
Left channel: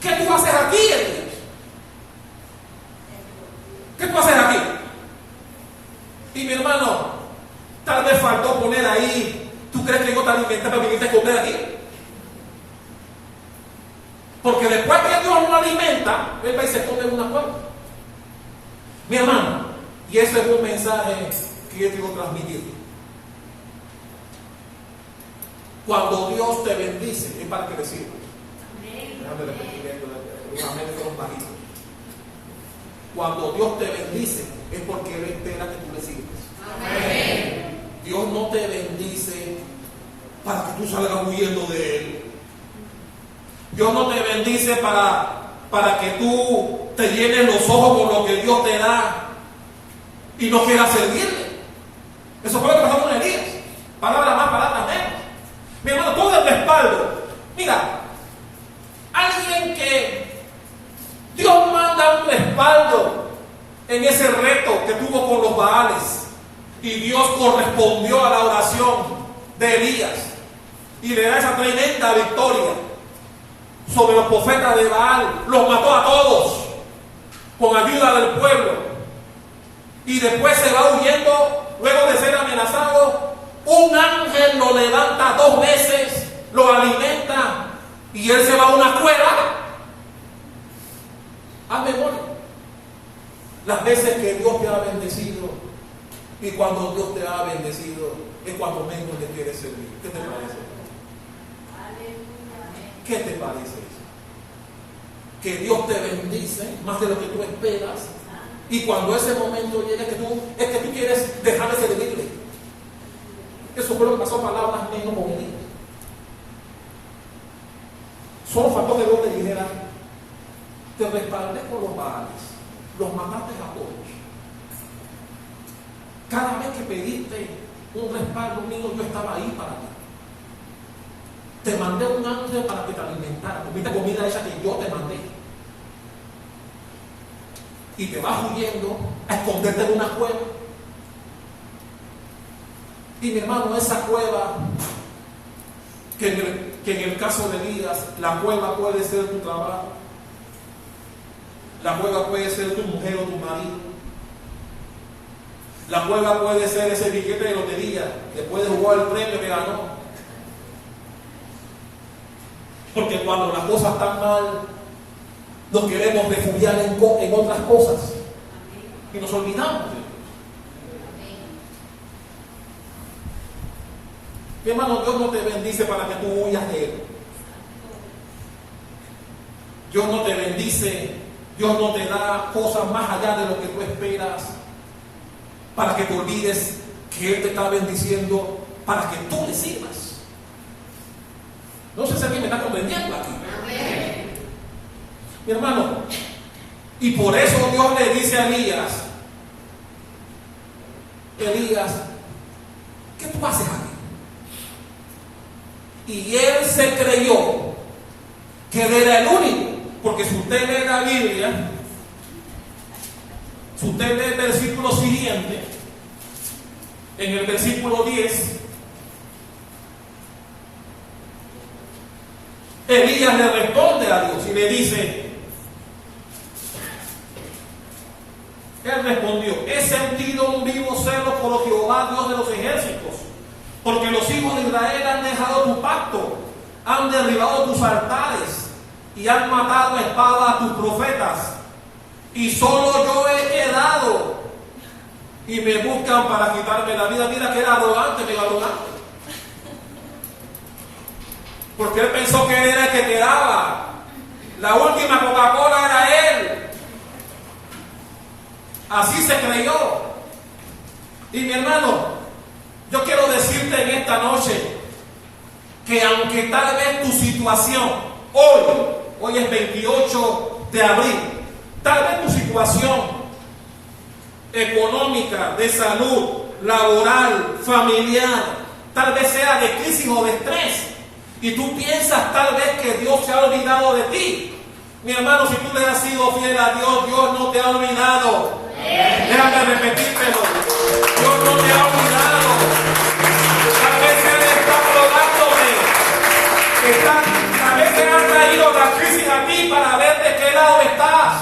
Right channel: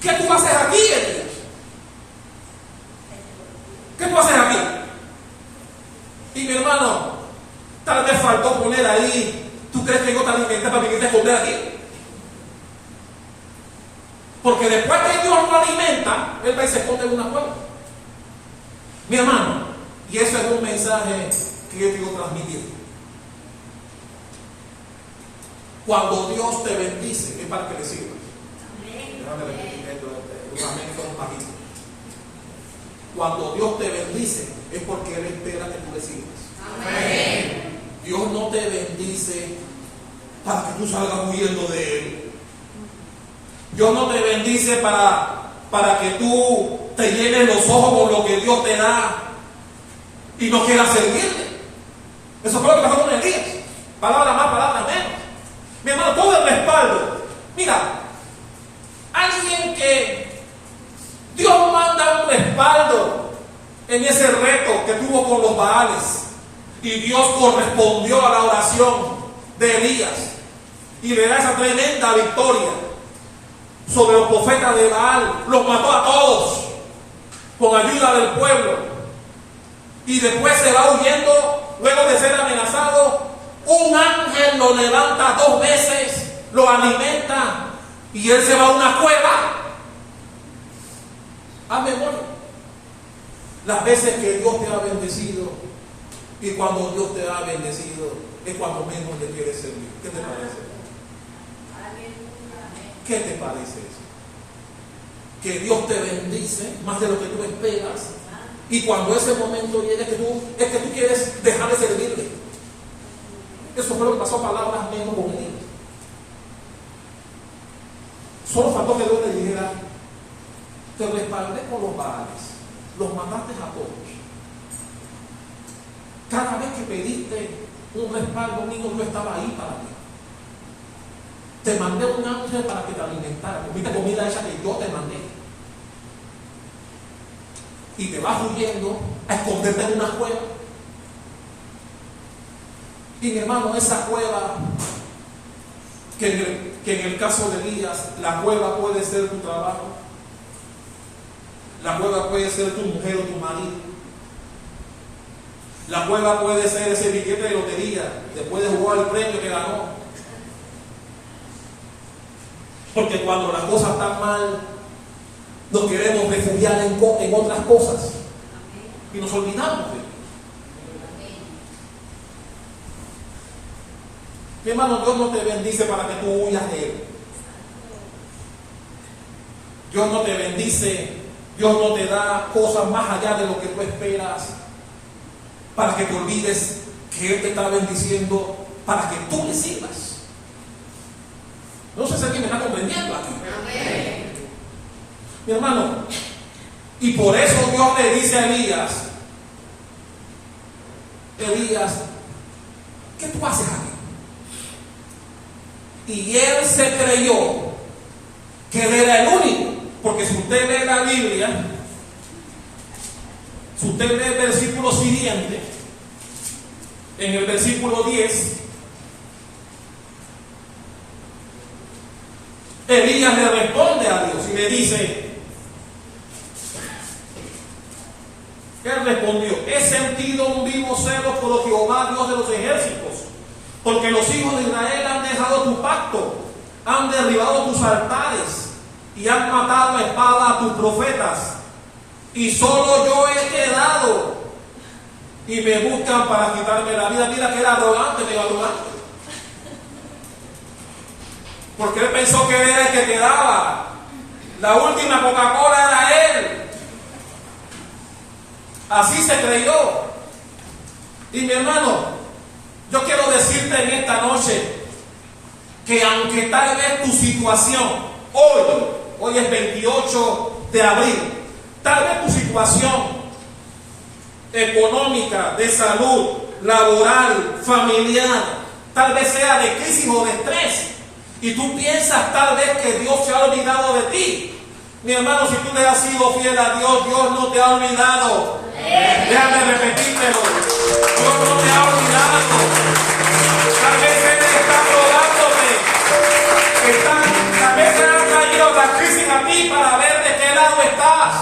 ¿qué tú haces aquí, Elías? ¿Qué tú haces aquí? Y mi hermano, tal vez faltó poner ahí: ¿tú crees que yo te alimenté para venirte a esconder aquí? Porque después que Dios lo alimenta, Él va y se esconde en una cueva. Mi hermano, y eso es un mensaje que yo quiero transmitir. Cuando Dios te bendice, es para que le sirvas. Déjame repetir esto, los amén fueron bajitos. Cuando Dios te bendice, es porque Él espera que tú le sirvas. Amén. Dios no te bendice para que tú salgas huyendo de Él. Dios no te bendice para que tú te llenes los ojos con lo que Dios te da y no quieras servirle. Eso fue lo que pasó con Elías. Palabras más, palabras menos. Mi hermano, todo el respaldo. Mira, alguien que Dios manda un respaldo en ese reto que tuvo con los Baales, y Dios correspondió a la oración de Elías y le da esa tremenda victoria sobre los profetas de Baal. Los mató a todos con ayuda del pueblo, y después se va huyendo. Luego de ser amenazado, un ángel lo levanta 2 veces, lo alimenta, y él se va a una cueva. Haz memoria las veces que Dios te ha bendecido, y cuando Dios te ha bendecido es cuando menos le quieres servir. ¿Qué te parece? ¿Qué te parece eso? Que Dios te bendice más de lo que tú esperas, y cuando ese momento viene es que tú quieres dejar de servirle. Eso fue lo que pasó, palabras menos con Elías. Solo faltó que Dios te dijera: te respaldé con los Baales, los mataste a todos. Cada vez que pediste un respaldo mío, yo estaba ahí para ti. Te mandé un ángel para que te alimentara. Comiste comida esa que yo te mandé. Y te vas huyendo a esconderte en una cueva. Y mi hermano, esa cueva, que en el caso de Elías, la cueva puede ser tu trabajo, la cueva puede ser tu mujer o tu marido, la cueva puede ser ese billete de lotería después de jugar el premio que ganó. Porque cuando las cosas están mal, nos queremos refugiar en otras cosas y nos olvidamos de Dios. Mi hermano, Dios no te bendice para que tú huyas de Él. Dios no te bendice, Dios no te da cosas más allá de lo que tú esperas para que te olvides que Él te está bendiciendo para que tú le sirvas. No sé si alguien me está comprendiendo aquí. Amén. Mi hermano, y por eso Dios le dice a Elías: Elías, ¿qué tú haces aquí? Y él se creyó que él era el único, porque si usted lee la Biblia, si usted lee el versículo siguiente, en el versículo 10, Elías le responde a Dios y le dice, él respondió, he sentido un vivo celo por Jehová, Dios de los ejércitos, porque los hijos de Israel han dejado tu pacto, han derribado tus altares y han matado a espada a tus profetas, y solo yo he quedado y me buscan para quitarme la vida. Mira que era arrogante, mega arrogante, porque él pensó que él era el que quedaba, la última Coca-Cola era él. Así se creyó. Y mi hermano, yo quiero decirte en esta noche que aunque tal vez tu situación hoy es 28 de abril, tal vez tu situación económica, de salud, laboral, familiar, tal vez sea de crisis o de estrés, y tú piensas tal vez que Dios se ha olvidado de ti. Mi hermano, si tú le has sido fiel a Dios, Dios no te ha olvidado. Déjame repetírtelo. Dios no te ha olvidado. Tal vez Él está probándote. Tal vez Él ha traído la crisis a ti para ver de qué lado estás.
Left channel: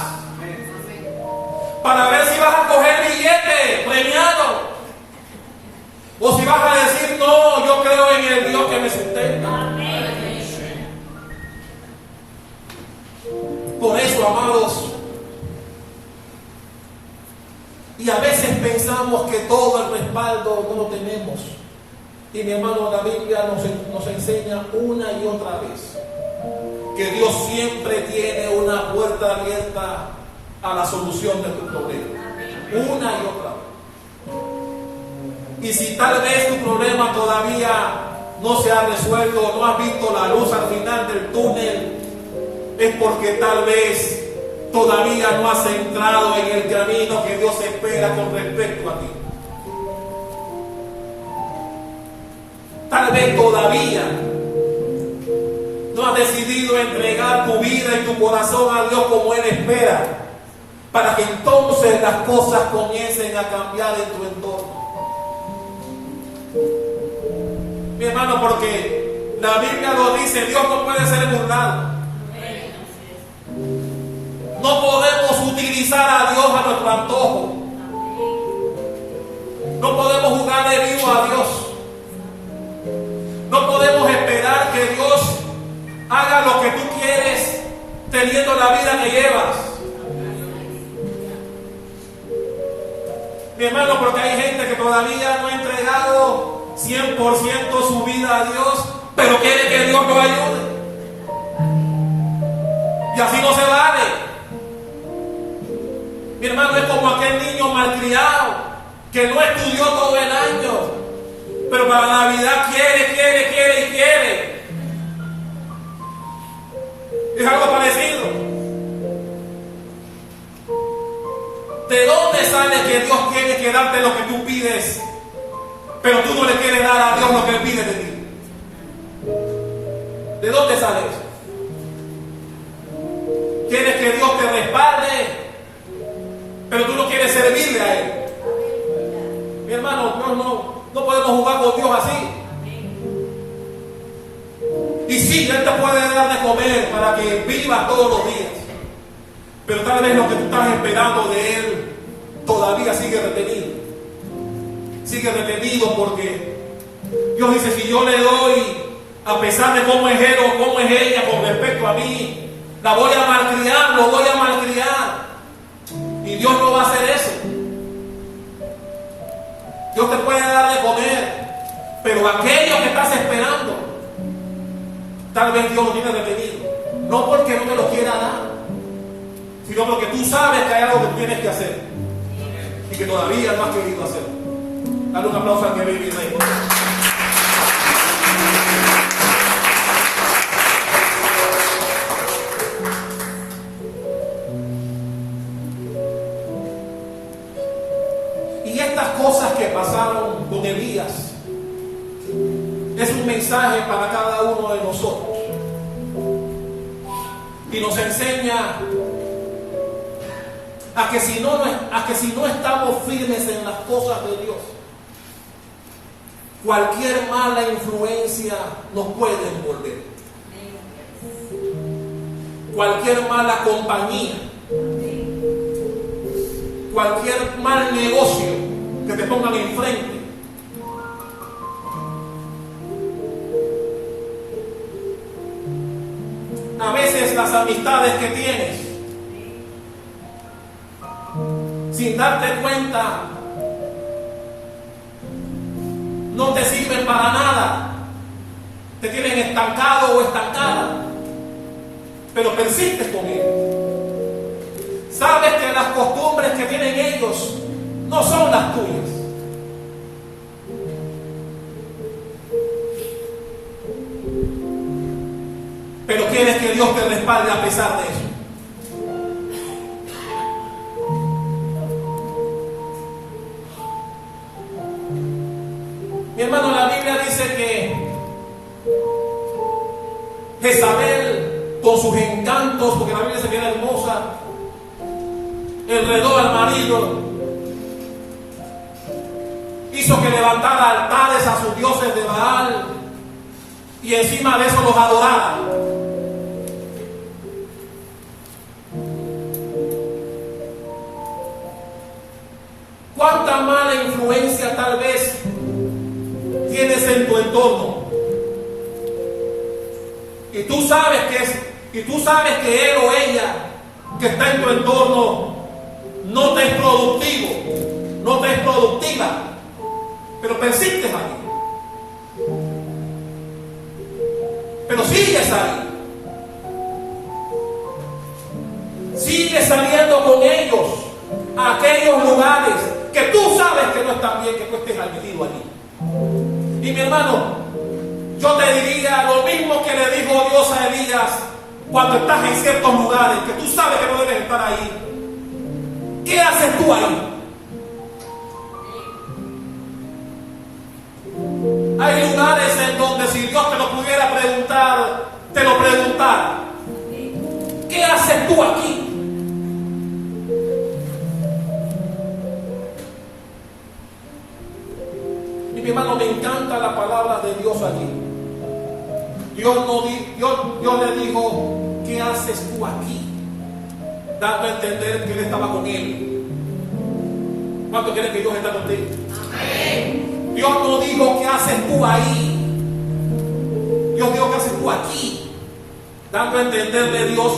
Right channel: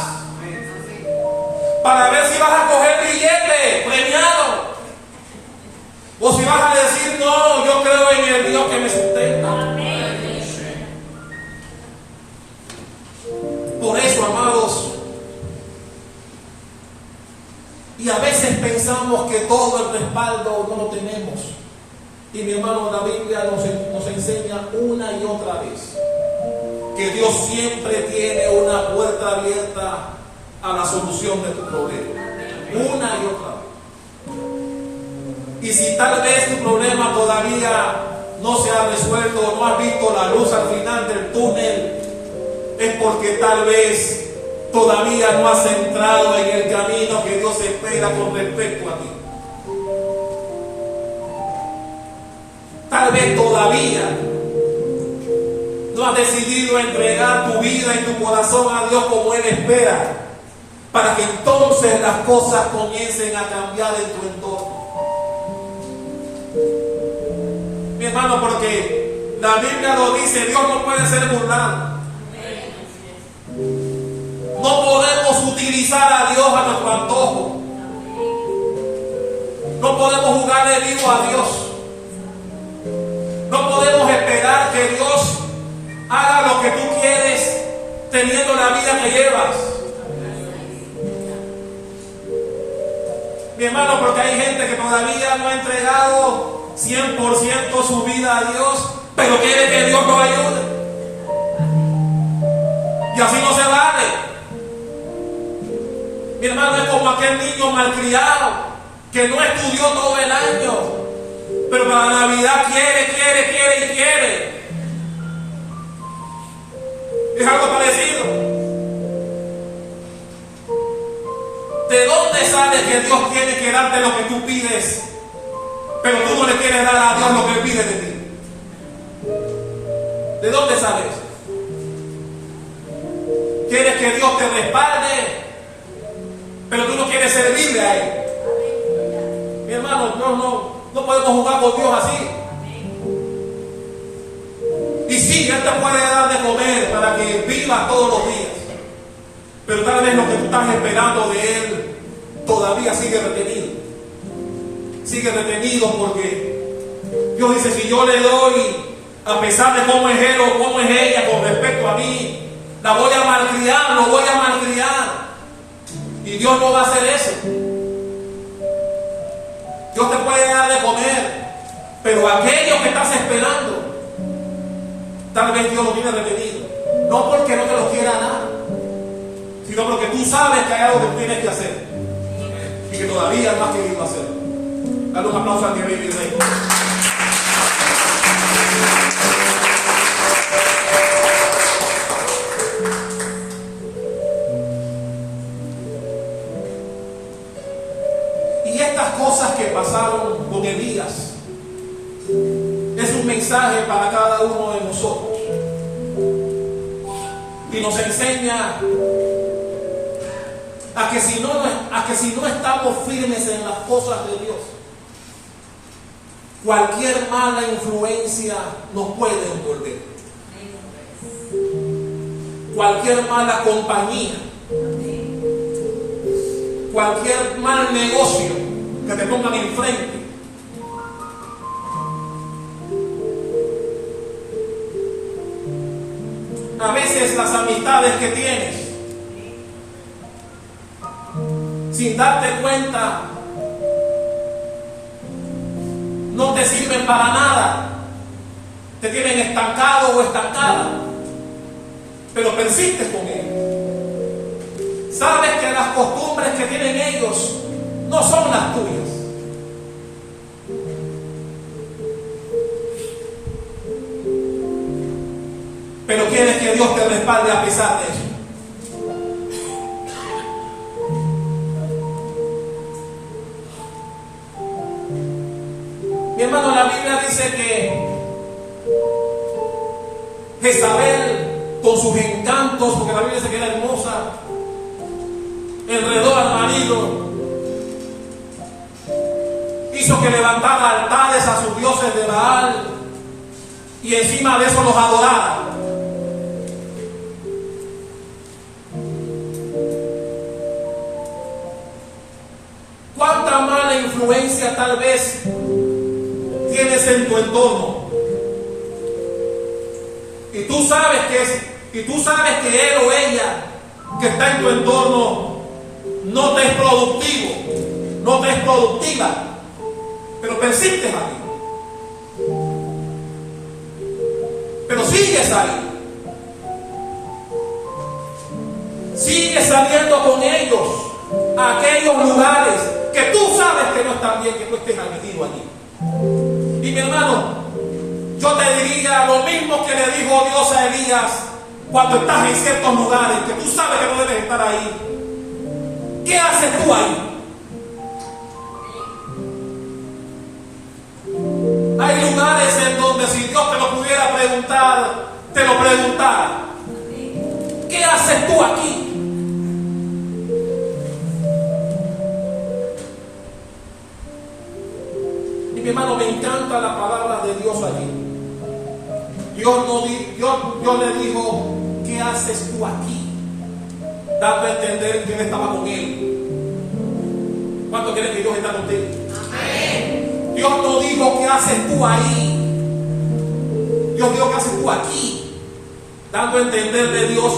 Para ver si vas a coger billete premiado. O si vas a decir, no, yo creo en el Dios que me sustenta. Por eso, amados, y a veces pensamos que todo el respaldo no lo tenemos. Y mi hermano, la Biblia nos enseña una y otra vez que Dios siempre tiene una puerta abierta a la solución de tu problema. Una y otra vez. Y si tal vez tu problema todavía no se ha resuelto, no has visto la luz al final del túnel, es porque tal vez todavía no has entrado en el camino que Dios espera con respecto a ti. Tal vez todavía no has decidido entregar tu vida y tu corazón a Dios como Él espera, para que entonces las cosas comiencen a cambiar en tu entorno. Mi hermano, porque la Biblia lo dice, Dios no puede ser burlado. No podemos utilizar a Dios a nuestro antojo. No podemos jugarle vivo a Dios. No podemos esperar que Dios haga lo que tú quieres teniendo la vida que llevas. Mi hermano, porque hay gente que todavía no ha entregado 100% su vida a Dios, pero quiere que Dios lo ayude. Y así no se vale. Mi hermano, es como aquel niño malcriado que no estudió todo el año, pero para Navidad quiere. Es algo parecido. ¿De dónde sale que Dios tiene que darte lo que tú pides, pero tú no le quieres dar a Dios lo que Él pide de ti? ¿De dónde sale eso? ¿Quieres que Dios te respalde, pero tú no quieres servirle a Él? Mi hermano, no podemos jugar con Dios así. Y sí, Él te puede dar de comer para que vivas todos los días, pero tal vez lo que tú estás esperando de Él todavía sigue retenido. Sigue retenido porque Dios dice, si yo le doy, a pesar de cómo es él o cómo es ella con respecto a mí, la voy a malcriar, lo voy a malcriar. Y Dios no va a hacer eso. Dios te puede dar de comer, pero aquello que estás esperando, tal vez Dios lo tiene retenido. No porque no te lo quiera dar, sino porque tú sabes que hay algo que tienes que hacer y que todavía no has querido hacerlo. Dale un aplauso a mi baby rey. Y estas cosas que pasaron con Elías es un mensaje para cada uno de nosotros. Y nos enseña a que si no estamos firmes en las cosas de Dios, cualquier mala influencia nos puede envolver. Cualquier mala compañía, cualquier mal negocio que te pongan enfrente, a veces las amistades que tienes, sin darte cuenta, no te sirven para nada, te tienen estancado o estancada, pero persistes con ellos. Sabes que las costumbres que tienen ellos no son las tuyas. Pero quieres que Dios te respalde a pesar de eso. Mi hermano, la Biblia dice que Jezabel, con sus encantos, porque la Biblia se queda hermosa, enredó al marido, hizo que levantara altares a sus dioses de Baal y encima de eso los adorara. ¿Cuánta mala influencia tal vez tienes en tu entorno? Y tú sabes que él o ella que está en tu entorno no te es productivo, no te es productiva, pero persistes ahí. Pero sigues ahí. Sigues saliendo con ellos a aquellos lugares que tú sabes que no están bien, que tú estés metido allí. Y mi hermano, yo te diría lo mismo que le dijo Dios a Elías cuando estás en ciertos lugares que tú sabes que no debes estar ahí. ¿Qué haces tú ahí? Hay lugares en donde si Dios te lo pudiera preguntar, te lo preguntara. ¿Qué haces tú aquí? Y mi hermano, me encanta la palabra de Dios allí. Dios le dijo, ¿qué haces tú aquí? Dando a entender que él estaba con él. ¿Cuánto crees que Dios está contigo? Amén. Dios no dijo, ¿qué haces tú ahí? Dios dijo, ¿qué haces tú aquí? Dando a entender de Dios,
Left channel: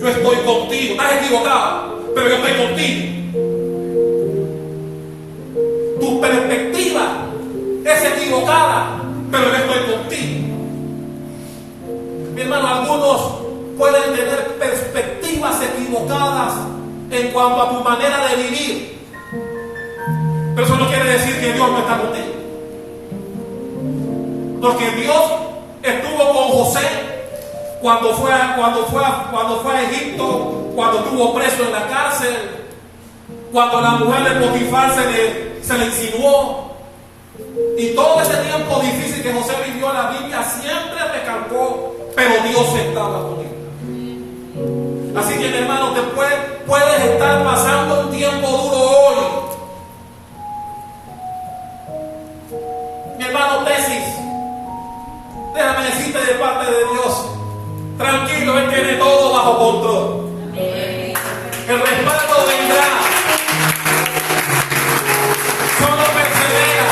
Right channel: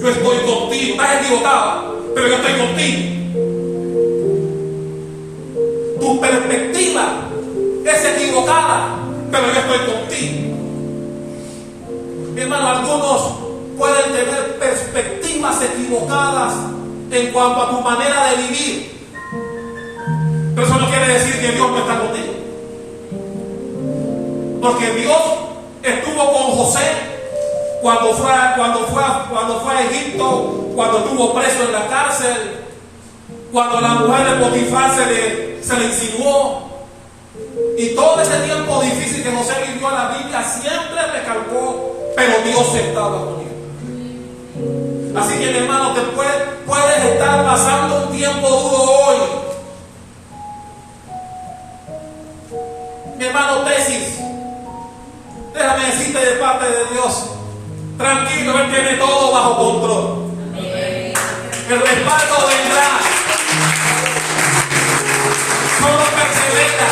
yo estoy contigo. Estás equivocado, pero yo estoy contigo. Tu perspectiva es equivocada, pero yo estoy contigo. Mi hermano, algunos pueden tener perspectivas equivocadas en cuanto a tu manera de vivir, pero eso no quiere decir que Dios no está contigo, porque Dios estuvo con José cuando fue a Egipto, cuando estuvo preso en la cárcel, cuando la mujer de Potifar se le insinuó. Y todo ese tiempo difícil que José vivió, la Biblia siempre recalcó, pero Dios estaba con él. Así que mi hermano, te puedes estar pasando un tiempo duro hoy. Mi hermano Tesis, déjame decirte de parte de Dios, tranquilo, Él tiene todo bajo control. El respaldo vendrá. Solo persevera.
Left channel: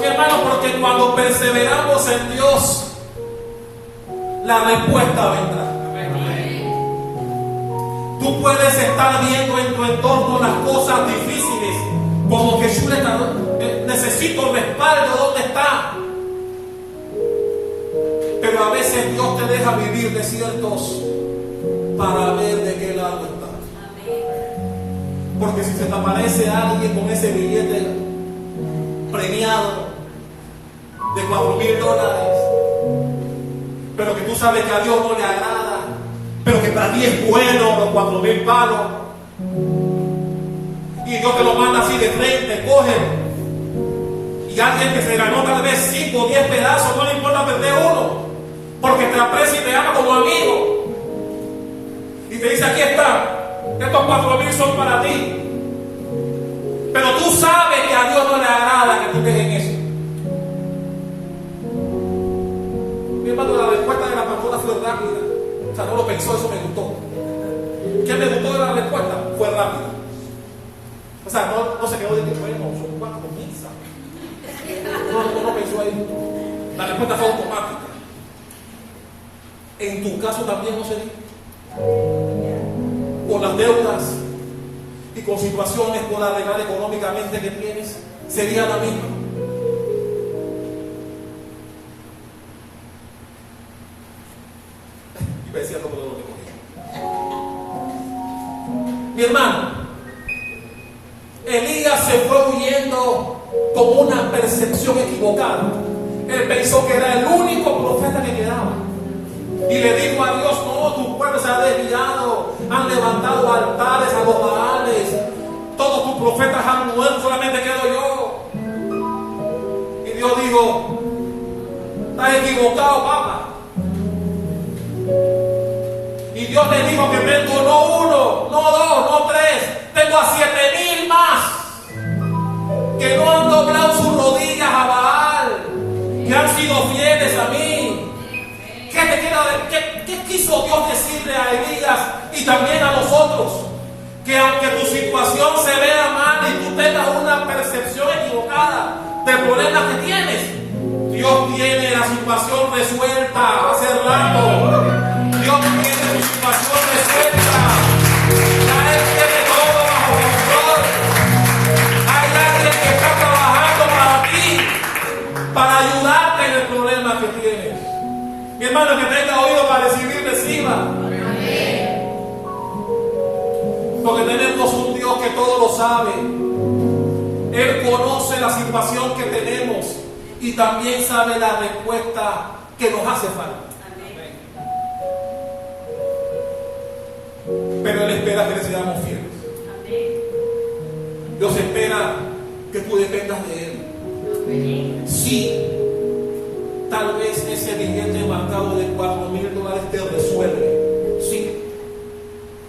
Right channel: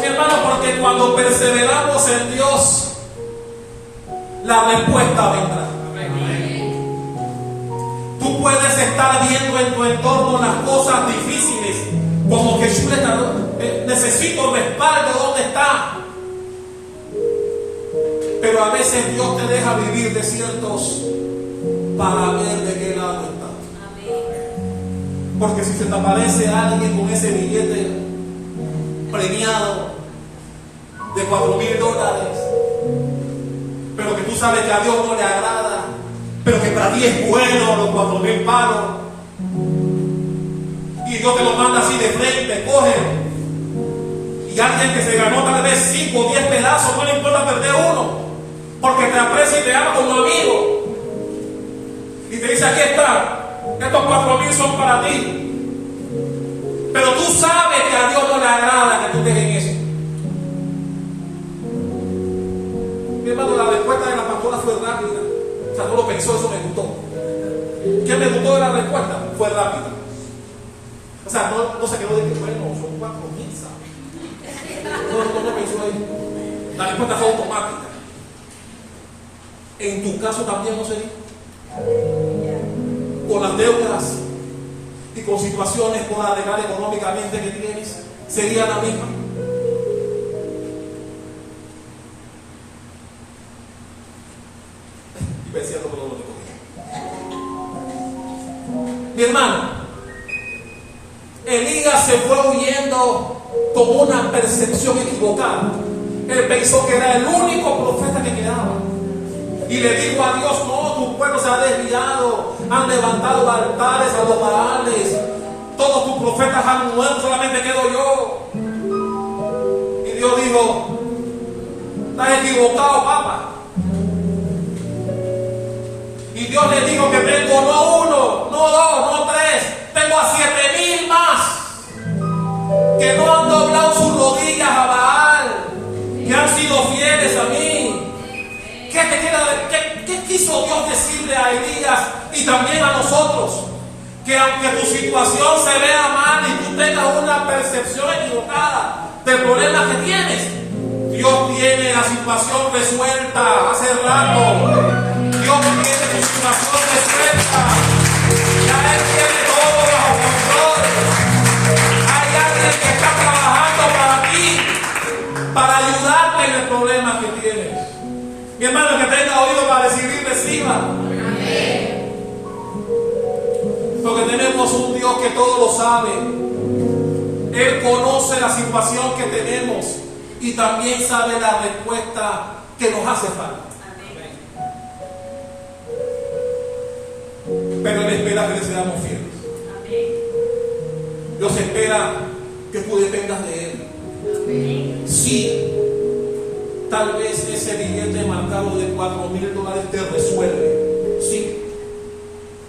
Mi hermano, porque cuando perseveramos en Dios, la respuesta vendrá. Tú puedes estar viendo en tu entorno las cosas difíciles, como que yo necesito respaldo, ¿dónde está? Pero a veces Dios te deja vivir desiertos para ver de qué lado está. Porque si se te aparece alguien con ese billete premiado de $4,000, pero que tú sabes que a Dios no le agrada, pero que para ti es bueno los 4,000 palos, Y Dios te lo manda así de frente, cógelo. Y alguien que se ganó tal vez 5 o 10 pedazos, no le importa perder uno, porque te aprecia y te ama como amigo. Y te dice, aquí está, estos 4,000 son para ti. Pero tú sabes que a Dios no le agrada que tú dejes eso. Mi hermano, la respuesta de la pastora fue rápida. O sea, no lo pensó, eso me gustó. ¿Qué me gustó de la respuesta? Fue rápida. O sea, no se quedó de que, bueno, son 4,000, ¿sabes? No pensó ahí. La respuesta fue automática. En tu caso también no sería. Con las deudas y con situaciones por arreglar económicamente que tienes, sería la misma. Y me decía todo lo que cogía. Mi hermano, Elías se fue huyendo con una percepción equivocada. Él pensó que era el único profeta que quedaba. Y le dijo a Dios, no, tu pueblo se ha desviado, han levantado altares a los baales, todos tus profetas han muerto, solamente quedo yo. Y Dios dijo, estás equivocado, papá. Y Dios le dijo que tengo no 1, no 2, no 3, tengo a 7,000 más que no han doblado sus rodillas a Baal, que han sido fieles a mí. ¿Qué quiso Dios decirle a Elías y también a nosotros? Que aunque tu situación se vea mal y tú tengas una percepción equivocada del problema que tienes, Dios tiene la situación resuelta hace rato. Dios tiene tu situación resuelta. Ya Él tiene todo bajo control. Hay alguien que está trabajando para ti, para ayudarte en el problema que tienes. Mi hermano, que tenga oído para recibir, reciba. Amén. Porque tenemos un Dios que todo lo sabe. Él conoce la situación que tenemos y también sabe la respuesta que nos hace falta. Amén. Pero Él espera que le seamos fieles. Amén. Dios espera que tú dependas de Él. Amén. Sí. Tal vez ese billete marcado de $4,000 te resuelve. Sí.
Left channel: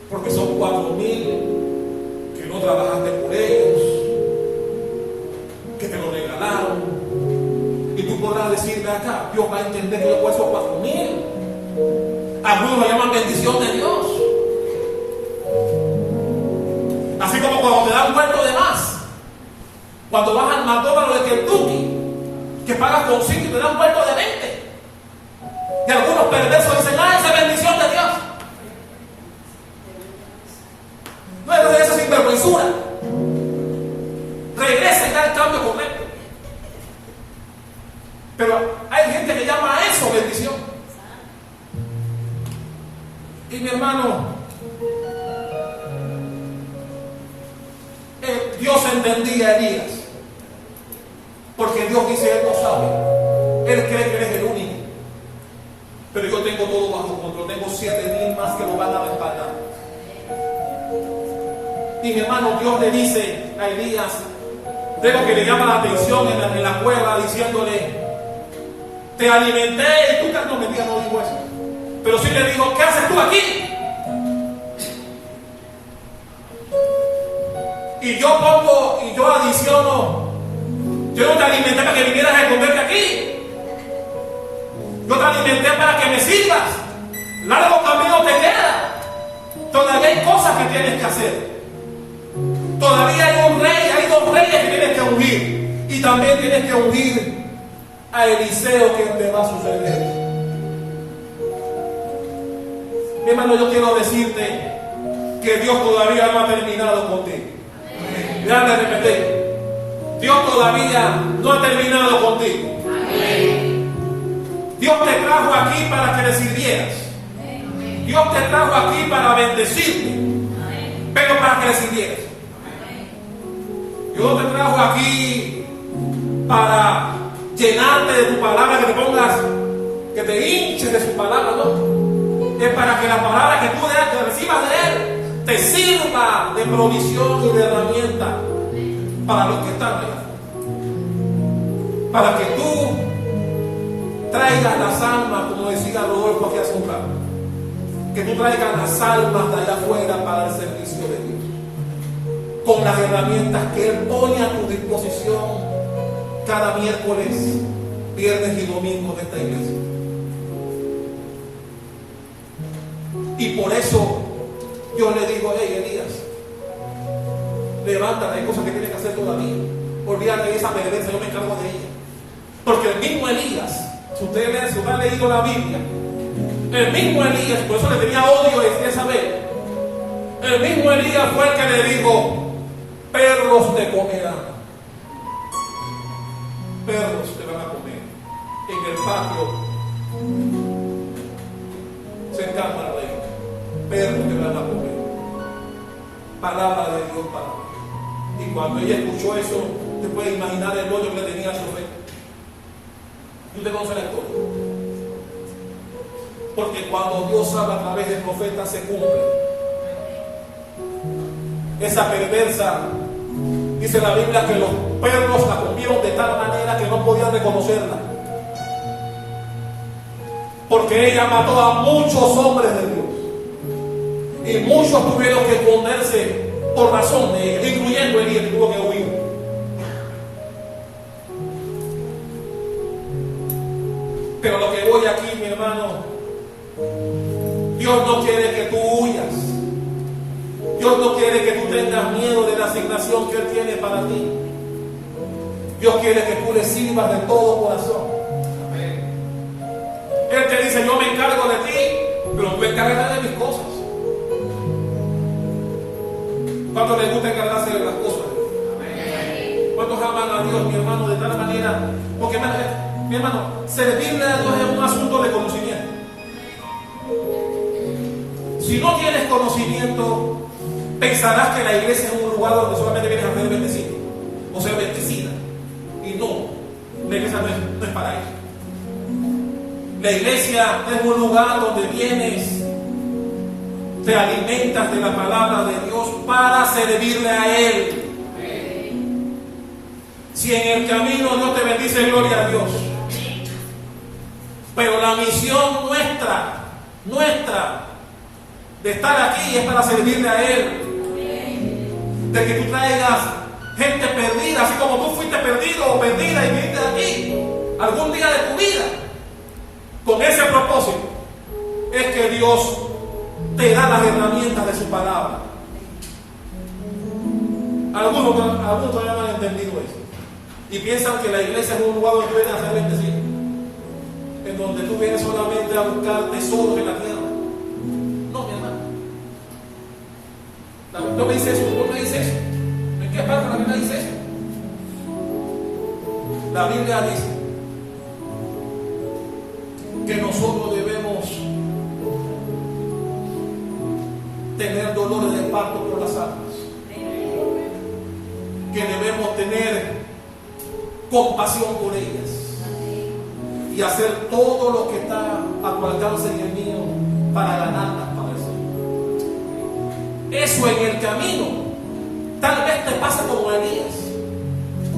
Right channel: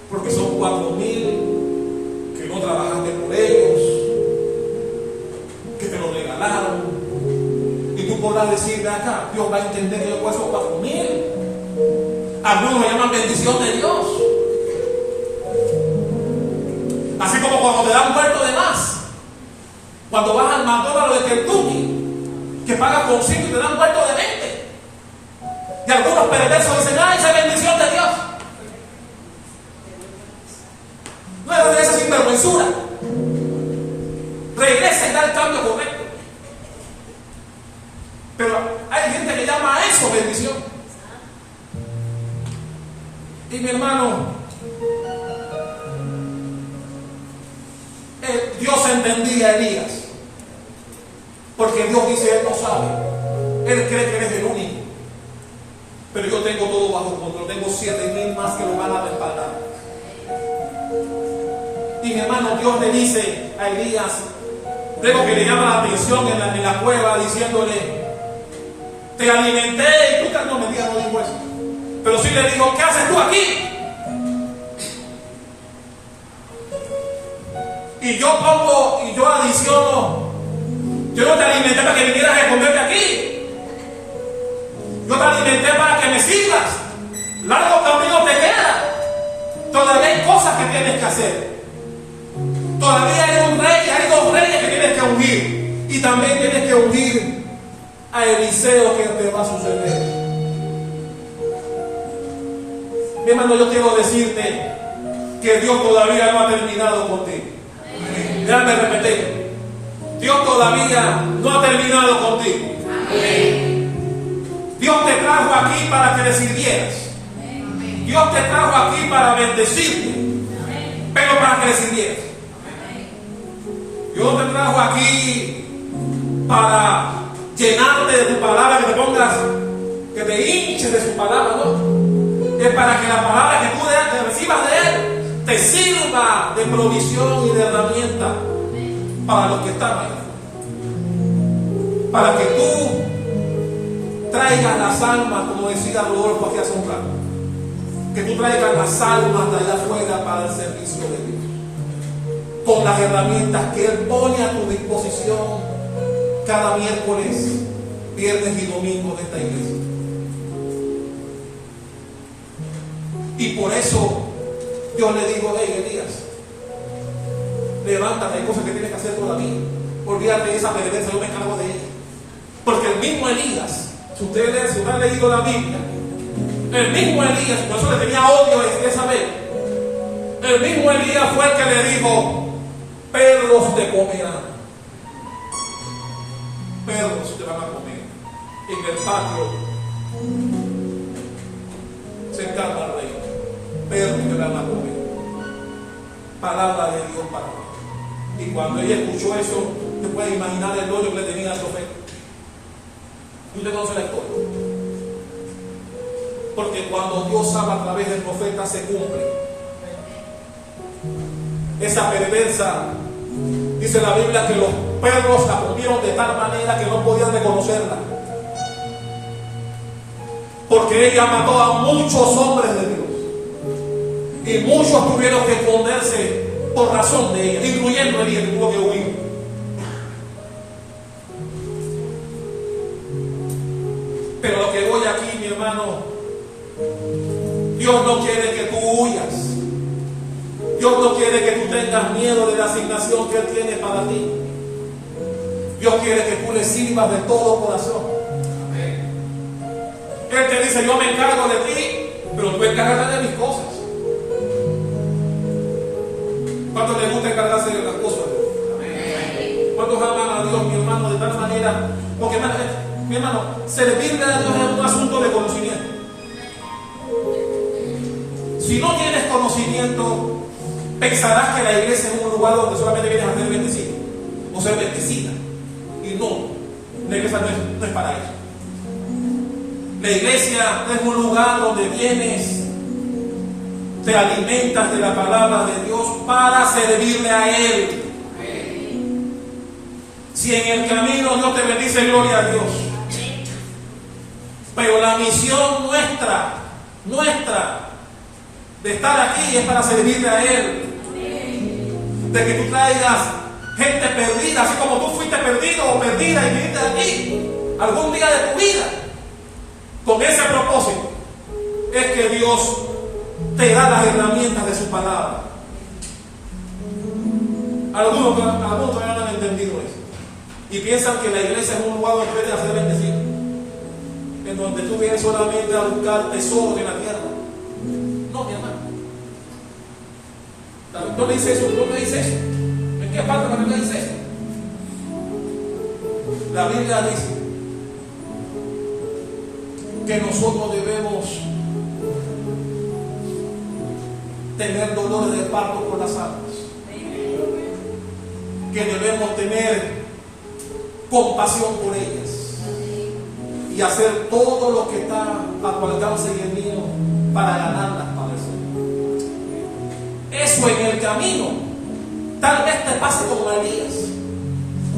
Porque son 4,000 que no trabajaste por ellos, que te lo regalaron. Y tú podrás decirle acá, Dios va a entender que yo puedo esos 4,000. Algunos me llaman bendición de Dios. Así como cuando te dan vuelto de más. Cuando vas al McDonald's de Kentucky, que pagas con 5 y te dan vuelto de 20. Y algunos perversos dicen, esa es bendición de Dios. No es de esa sinvergüenzura. Regresa y da el cambio correcto. Pero hay gente que llama a eso bendición. Y mi hermano, Dios entendía a Elías. Porque Dios dice, Él no sabe. Él cree que Él es el único. Pero yo tengo todo bajo control. Tengo 7,000 más que lo van a respaldar. Y mi hermano, Dios le dice a Elías, luego que le llama la atención en la cueva, diciéndole, te alimenté, y tú no mentira, no dijo eso. Pero sí le dijo, ¿qué haces tú aquí? Y yo adiciono, yo no te alimenté para que vinieras a esconderte aquí. Yo te alimenté para que me sigas. Largo camino te queda. Todavía hay cosas que tienes que hacer. Todavía hay un rey, hay 2 reyes que tienes que ungir. Y también tienes que ungir a Eliseo, que te va a suceder. Mi hermano, yo quiero decirte que Dios todavía no ha terminado contigo. Déjame repetir. Dios todavía no ha terminado contigo. Dios te trajo aquí para que le sirvieras. Dios te trajo aquí para bendecirte, pero para que le sirvieras. Dios te trajo aquí para llenarte de tu palabra, que te pongas, que te hinches de su palabra, ¿no? Es para que la palabra que tú recibas de Él te sirva de provisión y de herramienta para los que están allá. Para que tú traigas las almas, como decía Rodolfo aquí hace un rato, que tú traigas las almas de allá afuera para el servicio de Dios, con las herramientas que Él pone a tu disposición cada miércoles, viernes y domingo de esta iglesia. Y por eso yo le digo: hey, Elías, levántate, hay cosas que tienes que hacer todavía. Olvídate de esa perversa, yo me encargo de ella. Porque el mismo Elías, si usted ha leído la Biblia, el mismo Elías, por eso le tenía odio a Jezabel, el mismo Elías fue el que le dijo: perros te comerán. Perros te van a comer en el patio cercano al rey. Perros te van a comer. Palabra de Dios para mí. Y cuando ella escuchó eso, usted puede imaginar el odio que le tenía al profeta. Y usted conoce la historia. Porque cuando Dios habla a través del profeta, se cumple. Esa perversa, dice la Biblia, que los perros la comieron de tal manera que no podían reconocerla. Porque ella mató a muchos hombres de Dios. Y muchos tuvieron que esconderse por razón de ella, incluyendo Elías, que tuvo que huir. Pero lo que voy aquí, mi hermano, Dios no quiere que tú huyas. Dios no quiere que tú tengas miedo de la asignación que Él tiene para ti. Dios quiere que tú le sirvas de todo corazón. Él te dice: yo me encargo de ti, pero tú encárgate de mis cosas. ¿Cuántos les gusta encargarse de las cosas? ¿Cuántos aman a Dios, mi hermano, de tal manera? Porque, mi hermano, servirle a Dios es un asunto de conocimiento. Si no tienes conocimiento, pensarás que la iglesia es un lugar donde solamente vienes a ser bendecido o ser bendecida. Y no, la iglesia no es para eso. La iglesia es un lugar donde vienes, te alimentas de la palabra de Dios para servirle a Él. Si en el camino Dios te bendice, gloria a Dios. Pero la misión nuestra de estar aquí es para servirle a Él. De que tú traigas gente perdida, así como tú fuiste perdido o perdida y viniste aquí algún día de tu vida. Con ese propósito es que Dios te da las herramientas de su palabra. Algunos todavía no han entendido eso y piensan que la iglesia es un lugar donde puedes hacer bendecido, en donde tú vienes solamente a buscar tesoros en la tierra. No, mi hermano, la Biblia no me dice eso. ¿No me dice eso? ¿En qué parte la Biblia dice eso? La Biblia dice que nosotros debemos tener dolor de parto por las almas, que debemos tener compasión por ellas y hacer todo lo que está a tu alcance y el mío para ganarlas para el Señor. Eso en el camino tal vez te pase como Elías,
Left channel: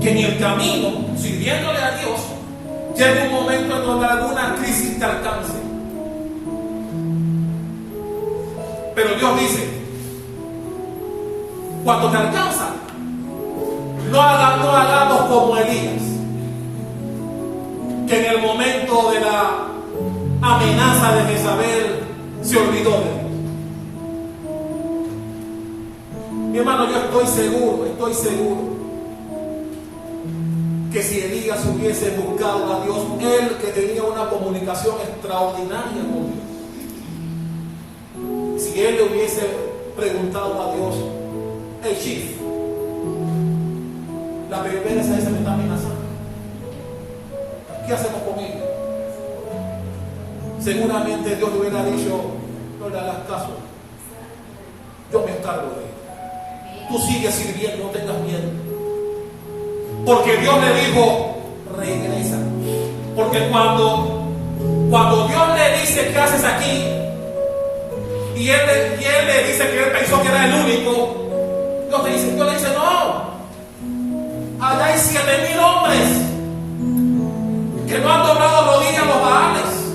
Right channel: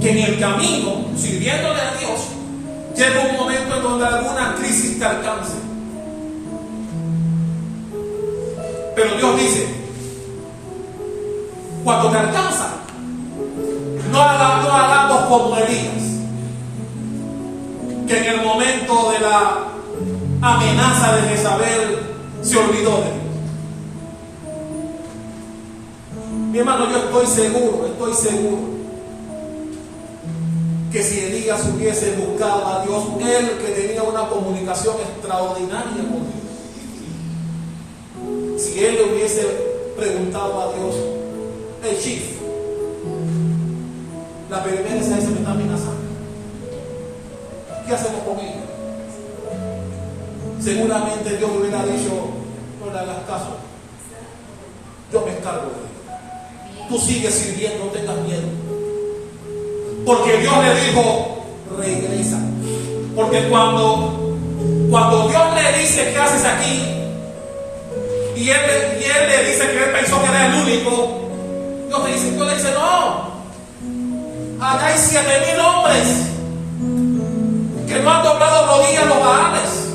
que en el camino, sirviéndole a Dios, llega un momento en donde alguna crisis te alcance. Pero Dios dice: cuando te alcanza, no hagamos como Elías, que en el momento de la amenaza de Jezabel se olvidó de Dios. Mi hermano, yo estoy seguro que si Elías hubiese buscado a Dios, él que tenía una comunicación extraordinaria con Dios, si él le hubiese preguntado a Dios: el chief, la perversa esa me está amenazando, ¿qué hacemos con ella? Seguramente Dios le hubiera dicho: no le hagas caso, yo me encargo de ella, tú sigues sirviendo, no tengas miedo. Porque Dios le dijo: regresa. Porque cuando Dios le dice: ¿qué haces aquí? Y él le dice que él pensó que era el único, Dios le dice, no, allá hay 7,000 hombres que no han doblado rodillas a los Baales,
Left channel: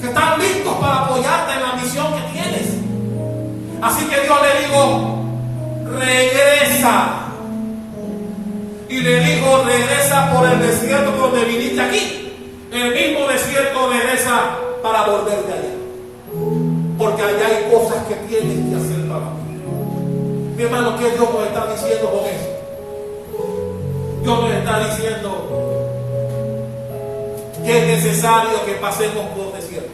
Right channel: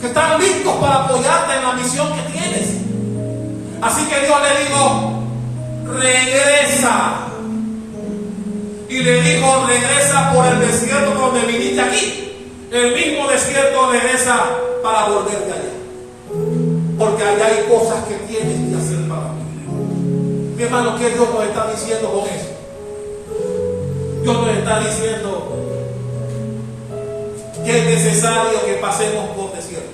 que están listos para apoyarte en la misión que tienes. Así que Dios le dijo, regresa. Y le dijo, regresa por el desierto donde viniste aquí. El mismo desierto regresa para volverte allá. Porque allá hay cosas que tienes que hacer para mí. Mi hermano, ¿qué Dios nos está diciendo con eso? Dios nos está diciendo que es necesario que pasemos por desiertos.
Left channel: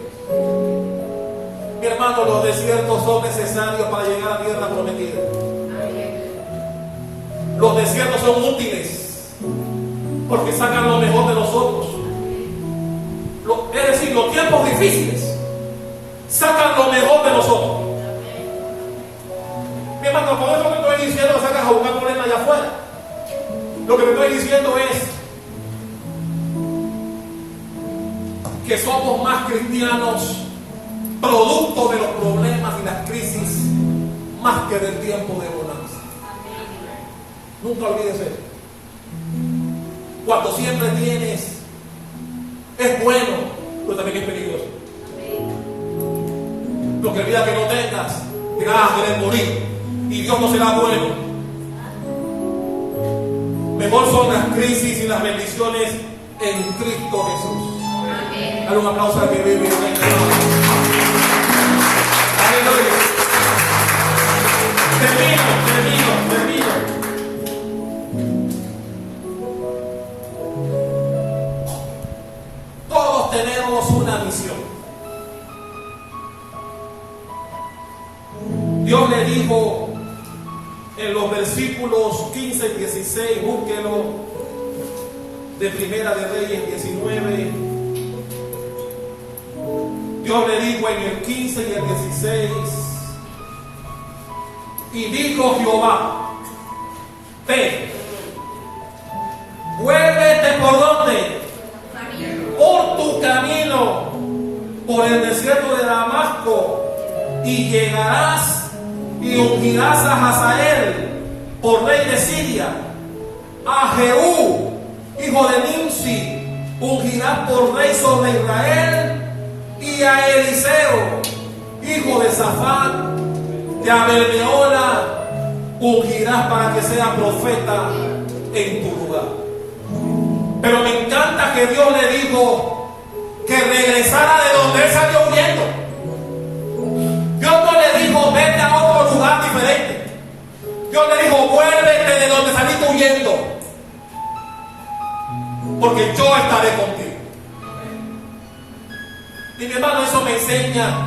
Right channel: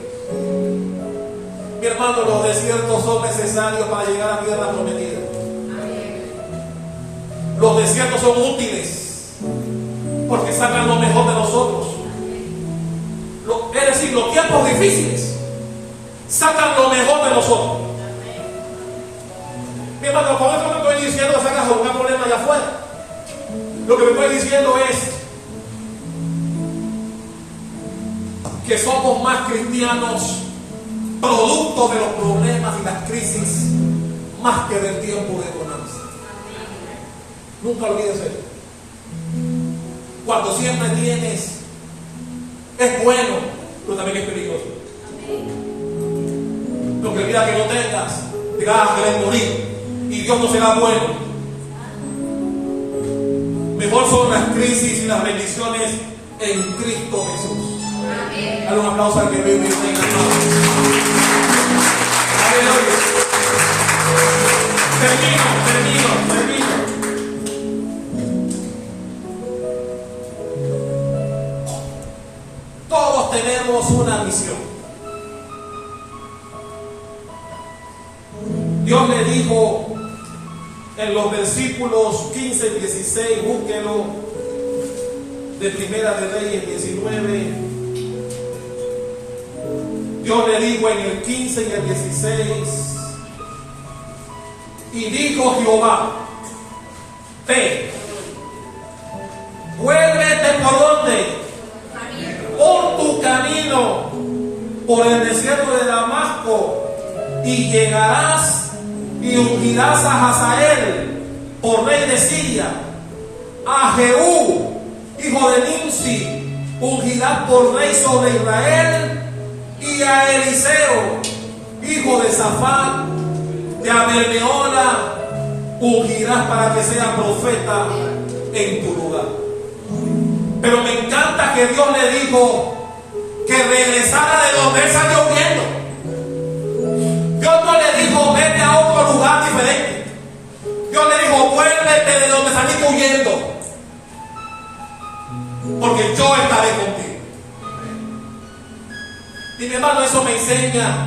Mi hermano, los desiertos son necesarios para llegar a la tierra prometida. Los desiertos son útiles porque sacan lo mejor de nosotros. Es decir, los tiempos difíciles sacan lo mejor de nosotros. Mi hermano, con esto no estoy diciendo que salgas a buscar problemas allá afuera. Lo que me estoy diciendo es que somos más cristianos producto de los problemas y las crisis más que del tiempo de bonanza. Nunca olvides eso. Cuando siempre tienes, es bueno, pero también es peligroso. Lo que olvida que no tengas, te vas a querer morir y Dios no será bueno. Mejor son las crisis y las bendiciones en Cristo Jesús. Dale un aplauso al que vive en esta noche. Aleluya. Termino. Todos tenemos una misión. Dios le dijo en los versículos 15 y 16, búsquelo, de Primera de Reyes 19. Dios le dijo en el 15 y el 16, y dijo Jehová, ve, vuélvete por donde, por tu camino, por el desierto de Damasco, y llegarás y ungirás a Hazael por rey de Siria, a Jehú, hijo de Nimsi, ungirás por rey sobre Israel, y a Eliseo, hijo de Safat, de Abel-Mehola, ungirás para que sea profeta en tu lugar. Pero me encanta que Dios le dijo que regresara de donde él salió huyendo. Dios no le dijo, vete a otro lugar diferente. Dios le dijo, vuélvete de donde saliste huyendo, porque yo estaré contigo. Y mi hermano, eso me enseña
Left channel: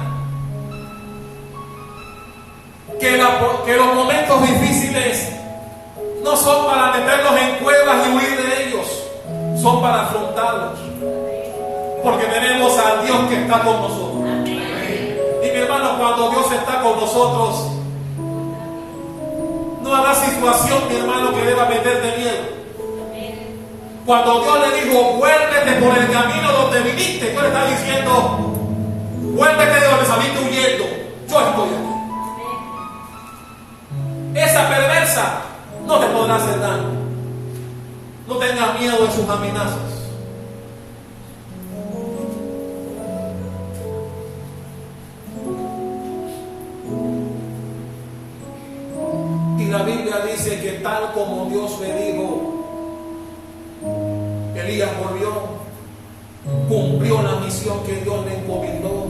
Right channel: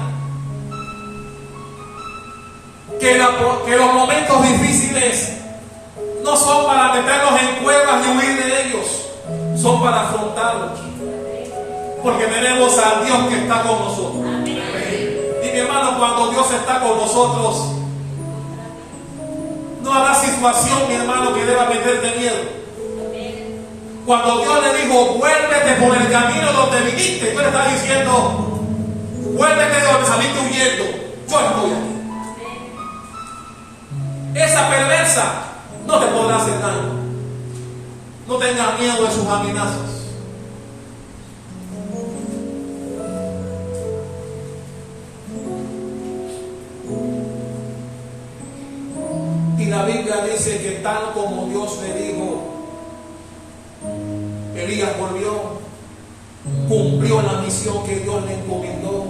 que los momentos difíciles no son para meternos en cuevas y huir de ellos, son para afrontarlos, porque tenemos al Dios que está con nosotros. Y mi hermano, cuando Dios está con nosotros, no habrá situación, mi hermano, que deba meterte miedo. Cuando Dios le dijo, vuélvete por el camino donde viniste, Dios le está diciendo, vuélvete de donde saliste huyendo, yo estoy aquí. Esa perversa no te podrá hacer daño. No tengas miedo de sus amenazas. Y la Biblia dice que tal como Dios le dijo, Elías volvió, cumplió la misión que Dios le encomendó,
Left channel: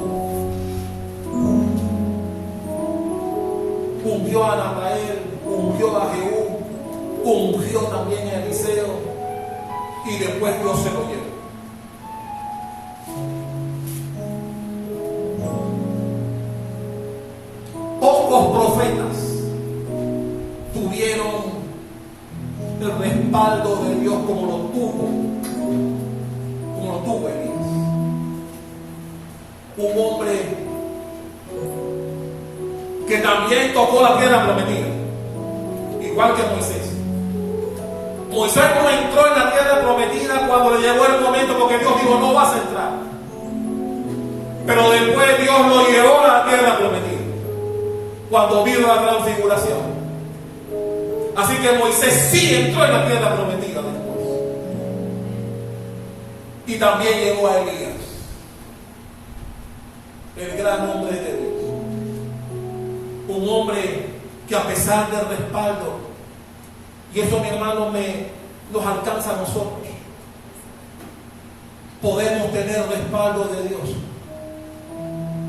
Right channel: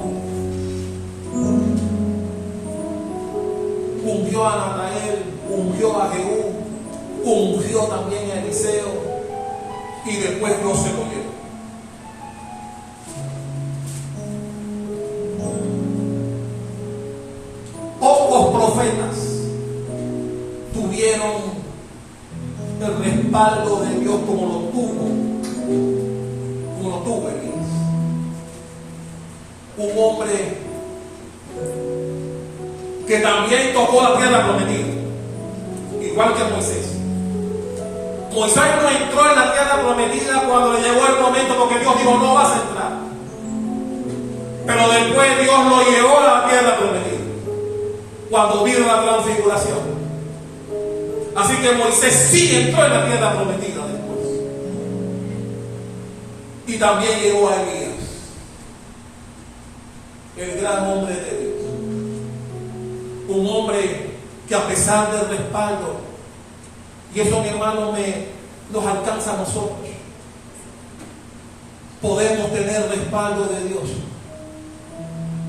ungió a Natael, ungió a Jehú, ungió también a Eliseo, y después Dios se lo llevó. Pocos profetas tuvieron el respaldo de Dios como lo tuvo Elías. Un hombre que también tocó la tierra prometida, igual que Moisés. Moisés no entró en la tierra prometida cuando le llegó el momento, porque Dios dijo, no vas a entrar. Pero después Dios lo llevó a la tierra prometida, cuando vino la transfiguración. Así que Moisés sí entró en la tierra prometida después. Y también llegó a Elías, el gran hombre de Dios. Un hombre que a pesar del respaldo, y eso, mi hermano, nos alcanza a nosotros, podemos tener respaldo de Dios,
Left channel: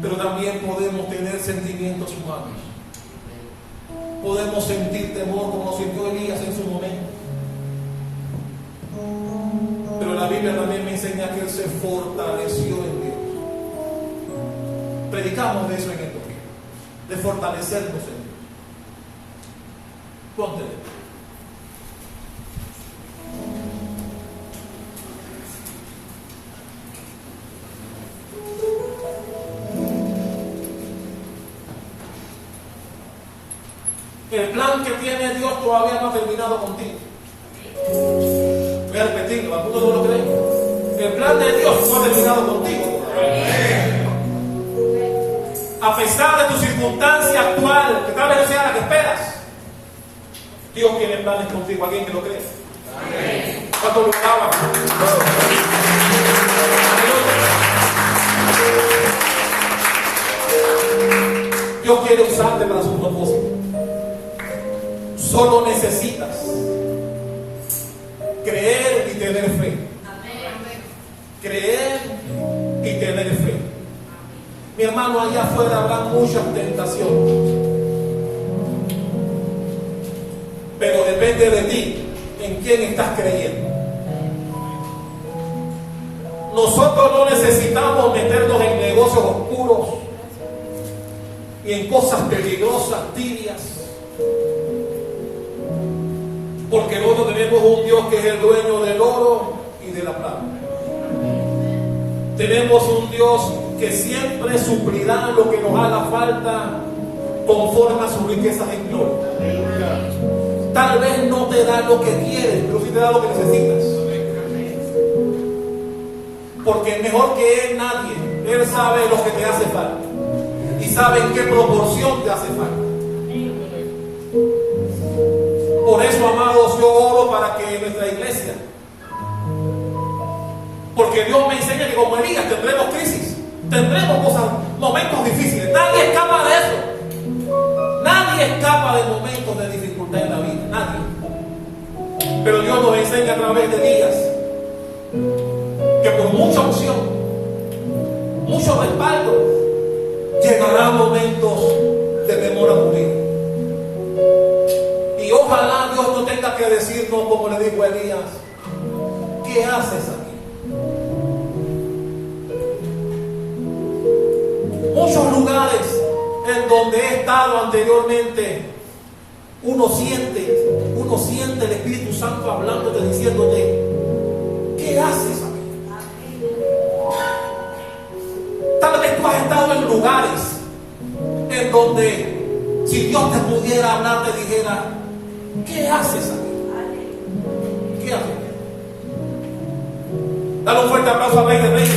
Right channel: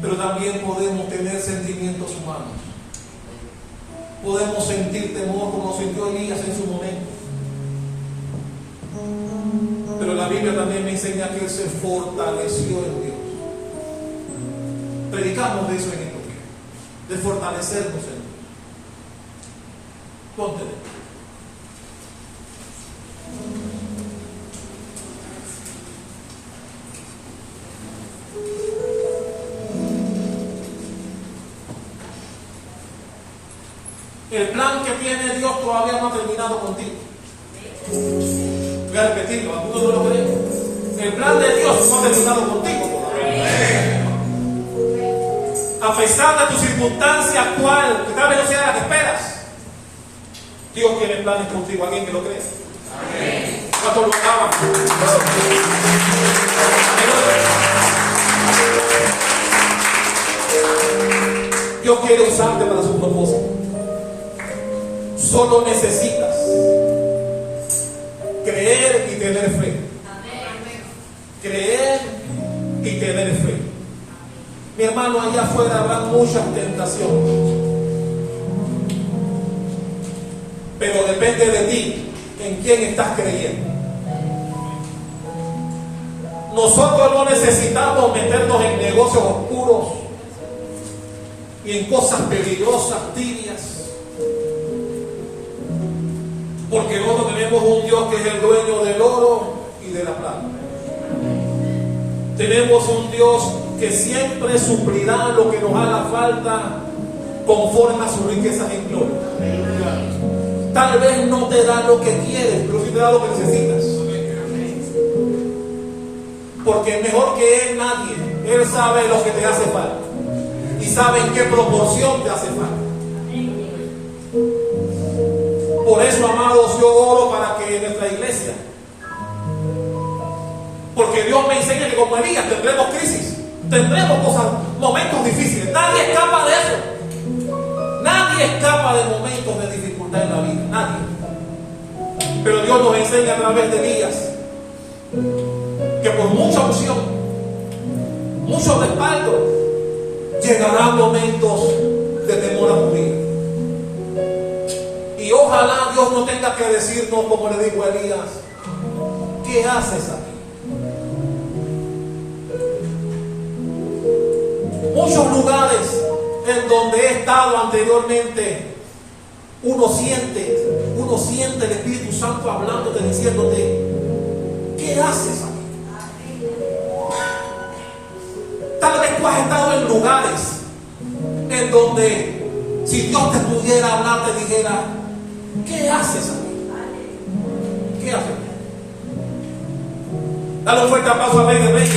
pero también podemos tener sentimientos humanos. Podemos sentir temor como sintió Elías en su momento. Pero la Biblia también me enseña que él se fortaleció en Dios. Predicamos de eso en estos días, de fortalecernos en Dios. Ponte. El plan que tiene Dios todavía no ha terminado contigo. Voy a repetirlo, algunos no lo creen. El plan de Dios no ha terminado contigo todavía. A pesar de tu circunstancia actual, que tal vez no sea la que esperas, Dios tiene planes contigo. ¿Alguien que lo cree? ¿Cuánto lo alaban? Dios quiere usarte para su propósito. Solo necesitas creer y tener fe. Creer y tener fe. Mi hermano, allá afuera habrá muchas tentaciones, pero depende de ti en quién estás creyendo. Nosotros no necesitamos meternos en negocios oscuros y en cosas peligrosas, tibias, porque nosotros tenemos un Dios que es el dueño del oro y de la plata. Tenemos un Dios que siempre suplirá lo que nos haga falta conforme a sus riquezas en gloria. Tal vez no te da lo que quieres, pero sí te da lo que necesitas. Porque mejor que Él nadie. Él sabe lo que te hace falta y sabe en qué proporción te hace falta. Por eso, amados, yo oro para que nuestra iglesia, porque Dios me enseña que como Elías tendremos crisis, tendremos cosas, momentos difíciles. Nadie escapa de eso. Nadie escapa de momentos de dificultad en la vida. Nadie. Pero Dios nos enseña a través de Elías que por mucha unción, mucho respaldo, llegarán momentos de temor a morir. Y ojalá Dios no tenga que decirnos, como le dijo a Elías, ¿qué haces aquí? Muchos lugares en donde he estado anteriormente, uno siente el Espíritu Santo hablándote, diciéndote, ¿qué haces aquí? Tal vez tú has estado en lugares en donde si Dios te pudiera hablar, te dijera, ¿qué haces aquí? ¿Qué haces? Dale un fuerte aplauso al Rey de Reyes.